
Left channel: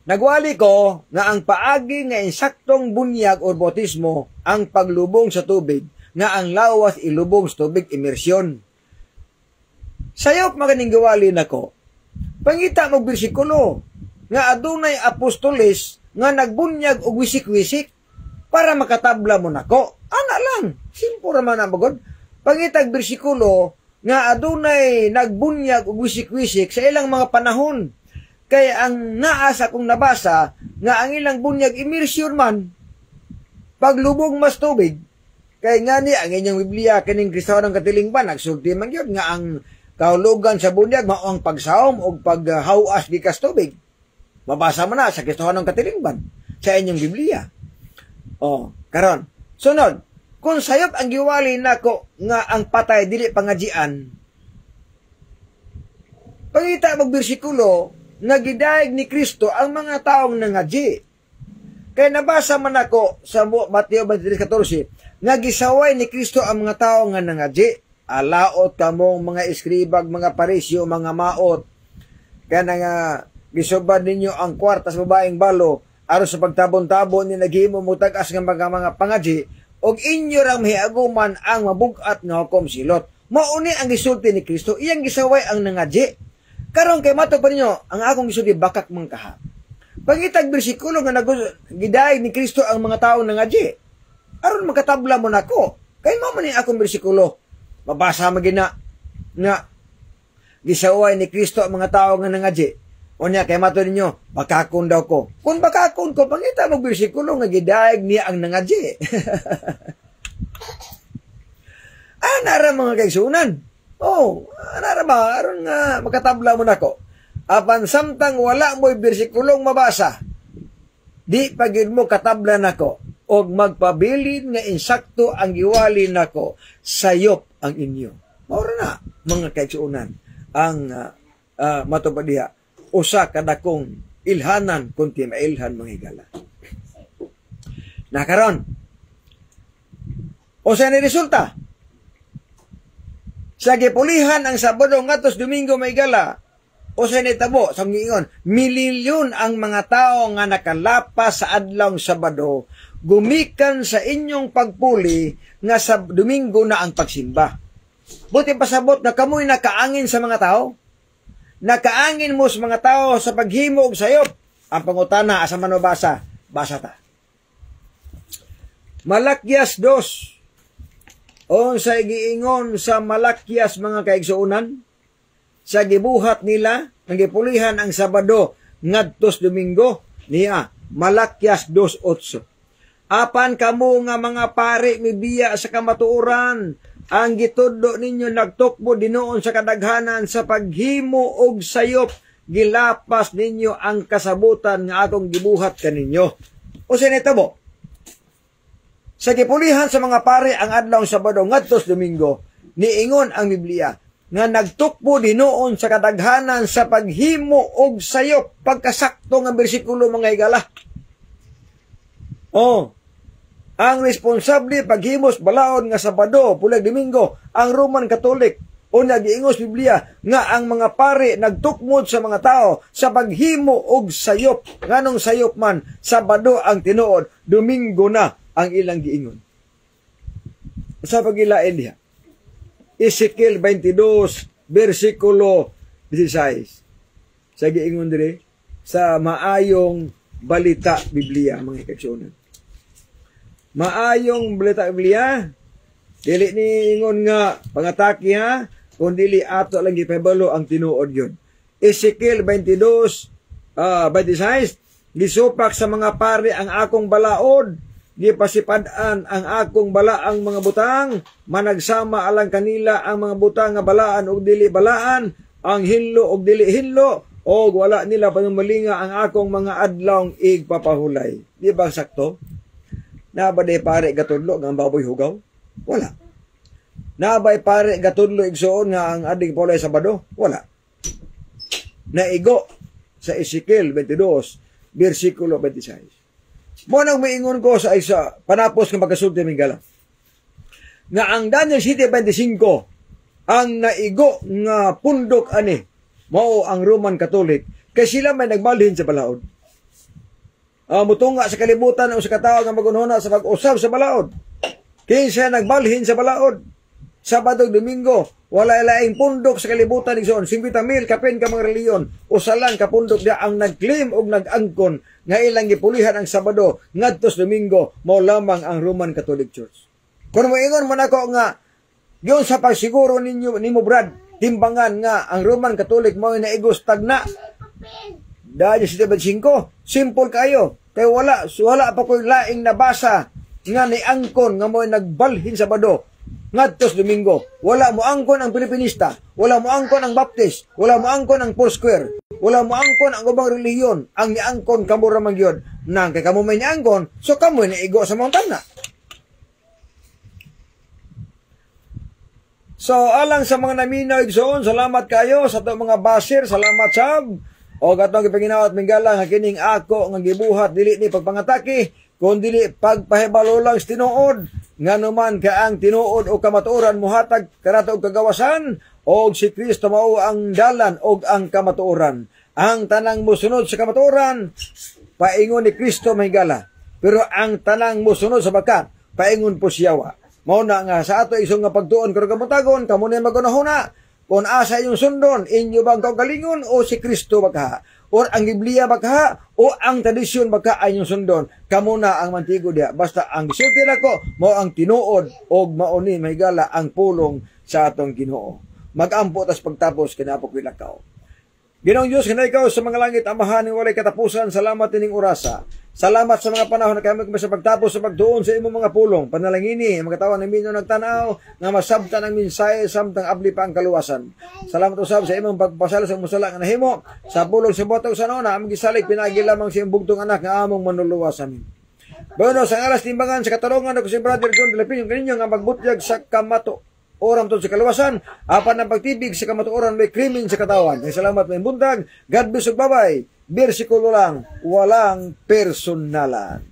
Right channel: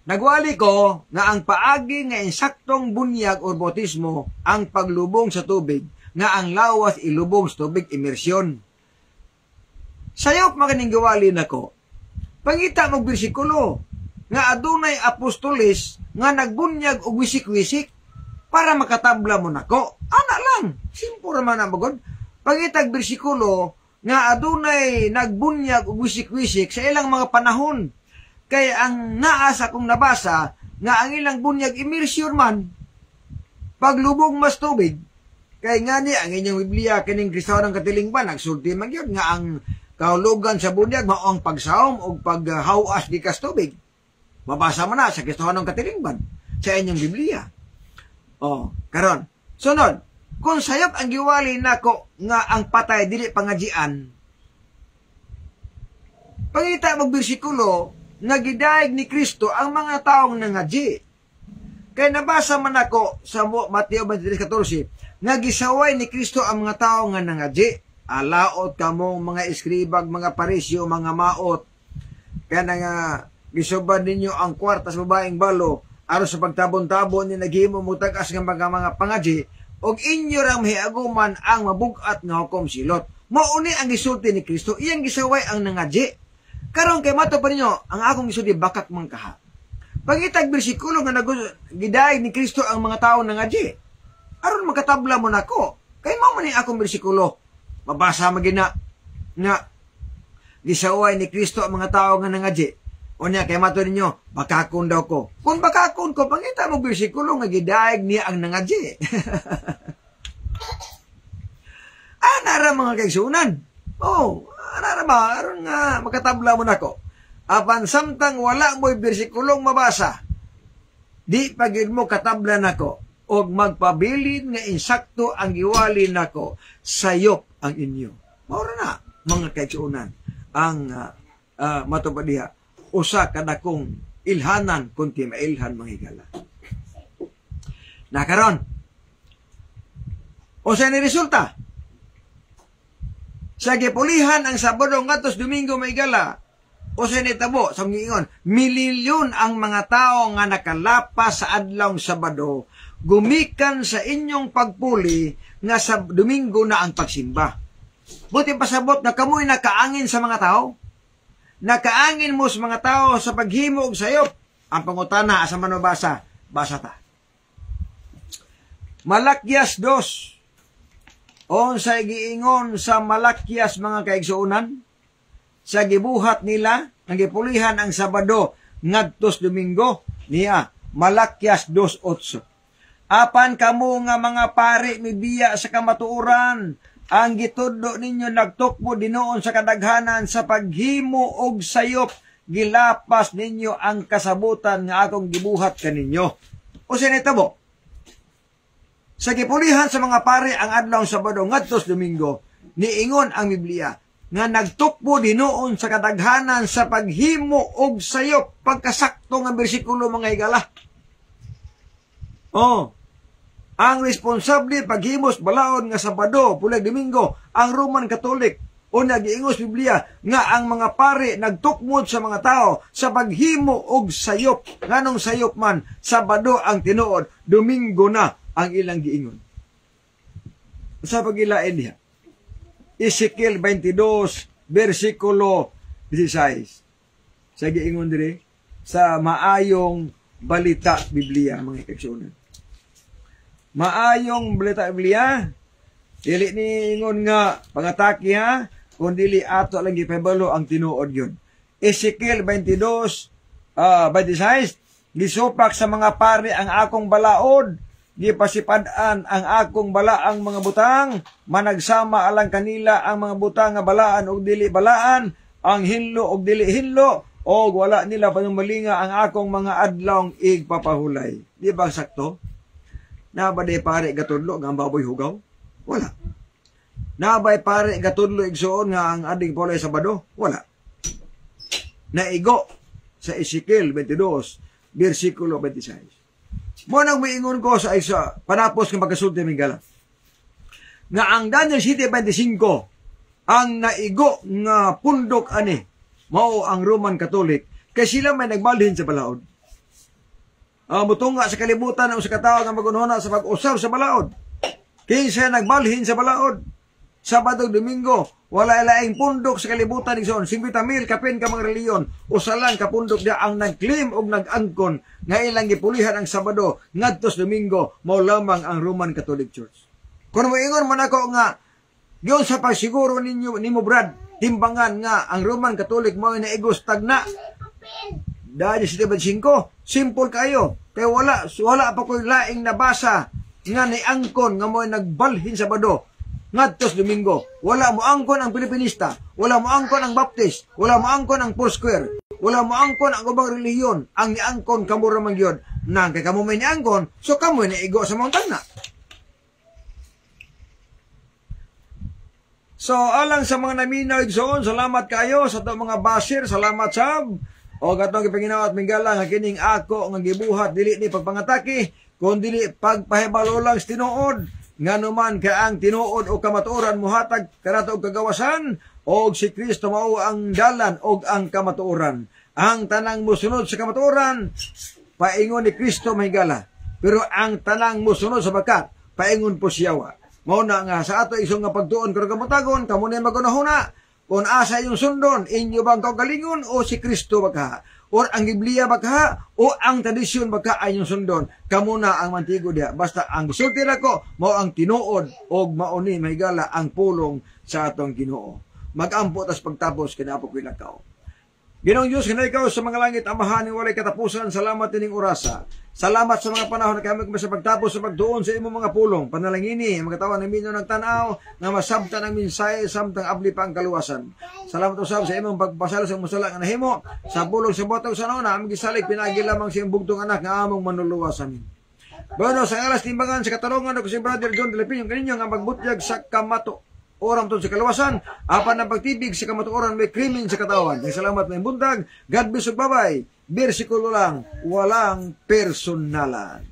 nagwali ko nga ang paagi nga insaktong bunyag o bautismo ang paglubong sa tubig, nga ang lawas ilubong sa tubig, imersyon. Sayop maganing gawali nako. Pangita mo bersikulo nga adunay apostoles nga nagbunyag og wisik-wisik para makatabla mo nako. Ana lang, simple man ang bagod. Pangitag bersikulo nga adunay nagbunyag og wisik-wisik sa ilang mga panahon. Kaya ang naasa kong nabasa nga ang ilang bunyag immersyon man paglubog mas tubig. Kaya nga ni ang inyong Biblia kaning Kristohanong Katilingban nagsulti man gyud nga ang kahulugan sa bunyag mao ang pagsawom o paghawas di kas tubig. Mabasa mo na sa Kristohanong Katilingban sa inyong Biblia. Oh, karon. Sunod, kung sayop ang giwali nako nga ang patay dili pangajian. Pangita mag bersikulo nga gidayeg ni Kristo ang mga taong nangaji. Kaya nabasa man ako sa Mateo 23:14 nga gisaway ni Kristo ang mga taong nga nangaji. Alaot kamong mga eskribag, mga parisyo, mga maot. Kaya nga gisubad ninyo ang kwarta sa babaeng balo aron sa pagtabon-tabon ni naghimo mutagas nga mga pangaji og inyo rang mahiaguman ang mabugat nga hukom silot. Mauni ang gisulti ni Kristo, iyang gisaway ang nangaji. Karon kay mato pa ninyo, ang akong gisulti bakak man kaha. Pagitag bersikulo nga gidayeg ni Kristo ang mga tawo nangaji. Aron makatabla mo nako. Kay mao man akong bersikulo. Mabasa magina nga gisaway ni Kristo ang mga tao nga nangaji. Unya kay mato ninyo, bakakon daw ko. Kung bakakon ko, pangita mo bersikulo nga gidayeg niya ang nangaji. Anara mga kaigsunan. Oh, anara ba aron nga makatabla mo nako. Apan samtang wala mo'y bersikulong mabasa, di pagid mo katabla nako og magpabilin nga insakto ang giwali nako, sayop ang inyo. Maura na, mga kaigsunan, ang matupad diha, usa kadakong ilhanan kunti mailhan mga higala. Nakaron, o sa ni resulta, sa gipulihan ang Sabado ngatos Domingo may gala, o sa nitabo, sa ngingon, mililyon ang mga tao nga nakalapas sa adlawng Sabado, gumikan sa inyong pagpuli nga sa Domingo na ang pagsimba. Buti pasabot na kamoy nakaangin sa mga tao. Nakaangin mo sa mga tao sa paghimo og sayop. Ang pangutana asa man mabasa, basa ta. Malakyas 2. Unsay giingon sa Malakyas mga kaigsuonan? Sa gibuhat nila, ang gipulihan ang Sabado ngadtos Domingo, niya Malakyas 2:8. Apan kamo nga mga pari mibiya sa kamatuoran, ang gitudlo ninyo nagtukbo dinoon sa kadaghanan sa paghimo og sayop, gilapas ninyo ang kasabutan nga akong gibuhat kaninyo. O sinitabo, sa gipulihan sa mga pari ang adlaw Sabado ngadtos Domingo, niingon ang Biblia nga nagtukbo dinoon sa kadaghanan sa paghimo og sayop, pagkasakto nga bersikulo mga higala. Oh, Ang responsable paghimos balaod nga Sabado, pulag Domingo, ang Roman Catholic. O nagiingos Biblia nga ang mga pare nagtukmod sa mga tao sa paghimo og sayop. Nganong sayop man, Sabado ang tinuod, Domingo na ang ilang giingon. Sa pagilain niya, Ezekiel 22, versikulo 16. Sa giingon dire, sa maayong balita Biblia, mga kaigsuonan. Maayong balita Biblia, dili ni ingon nga pangataki ha, kung dili ato lang gipahibalo ang tinuod yun. Ezekiel 22, 26, gisopak sa mga pari ang akong balaod, gipasipadan ang akong balaang mga butang, managsama alang kanila ang mga butang nga balaan o dili balaan, ang hinlo o dili hinlo, o wala nila panumalinga ang akong mga adlong igpapahulay. Di ba sakto? Nabay pare gatudlo ang baboy hugaw? Wala. Nabay pare gatudlo igsuon nga ang ading pulay Sabado? Wala. Naigo sa Ezekiel 22, versikulo 26. Mo nang maingon ko sa isa panapos ng pagkasulti ng gala. Nga ang Daniel 7:25 ang naigo nga pundok ani mao ang Roman Catholic kay sila may nagbalhin sa balaod. Mutunga sa kalibutan ang sa katao nga magunhuna sa pag-usab sa balaod. Kinsa nagbalhin sa balaod. Sabado, Domingo, wala ilaing pundok sa kalibutan igsoon. 50,000 kapin ka mga reliyon. Usalan ka pundok dia ang nag-claim og nag-angkon nga ilang gipulihan ang Sabado ngadtos Domingo mao lamang ang Roman Catholic Church. Kung moingon man ako nga yon sa pagsiguro nimo Brad, timbangan nga ang Roman Catholic mao naigos tagna. Dahil sa 5, simple kayo. Kay wala pa ko'y laing nabasa nga ni angkon nga mo nagbalhin Sabado ngadtos Domingo. Wala mo angkon ang Pilipinista, wala mo angkon ang Baptist, wala mo angkon ang Foursquare, wala mo angkon ang ubang reliyon. Ang niangkon kamo ra man gyud nang kay kamo may niangkon, so kamo naigo sa mga tagna. So alang sa mga naminaw igsoon, salamat kayo sa to mga basir, salamat sab. O gatong gipanginawat mingala nga kining ako nga gibuhat dili ni pagpangatake, kun dili pagpahibalo lang sa tinuod. Nganuman ka ang tinuod o kamatuoran muhatag kanato og kagawasan, og si Kristo mao ang dalan og ang kamatuoran. Ang tanang mosunod sa kamatuoran, paingon ni Kristo mahigala. Pero ang tanang mosunod sa bakat, paingon po siyawa. Mao na nga sa ato isong nga pagtuon karon kamutagon, kamo ni magunahuna. Kung asa yung sundon, inyo bang kaugalingon o si Kristo baka? O ang Biblia baka? O ang tradisyon baka ay yung sundon? Kamu na ang mantigo dia. Basta ang gisulti ko, mao ang tinuod o mauni mahigala ang pulong sa atong Ginoo. Mag-ampo tas pagtapos kinapok wilakaw. Ginoong Diyos, hinay ikaw sa mga langit, amahan ng walay katapusan, salamat tining orasa. Salamat sa mga panahon na kami sa pagtapos sa pagtuon sa imong mga pulong. Panalangini, mga tawa ng minyo nagtanaw, nga masabtan ang mensahe, samtang abli pa ang kaluwasan. Salamat usab sa imong pagpasala sa musala nga nahimo, sa pulong sa botog sa nona, aming gisalig, pinagi lamang sa imong bugtong anak, nga among manuluwasan. Bueno, sa alas timbangan, sa katarungan, ako si Brother John de la Piña, kaninyo nga magbutyag sa kamato. Oram to sa kaluwasan, apan ang pagtibig sa kamatuoran may krimen sa katawan. Ang salamat may buntag, God bless ug babay. Bersikulo lang, walang personalan.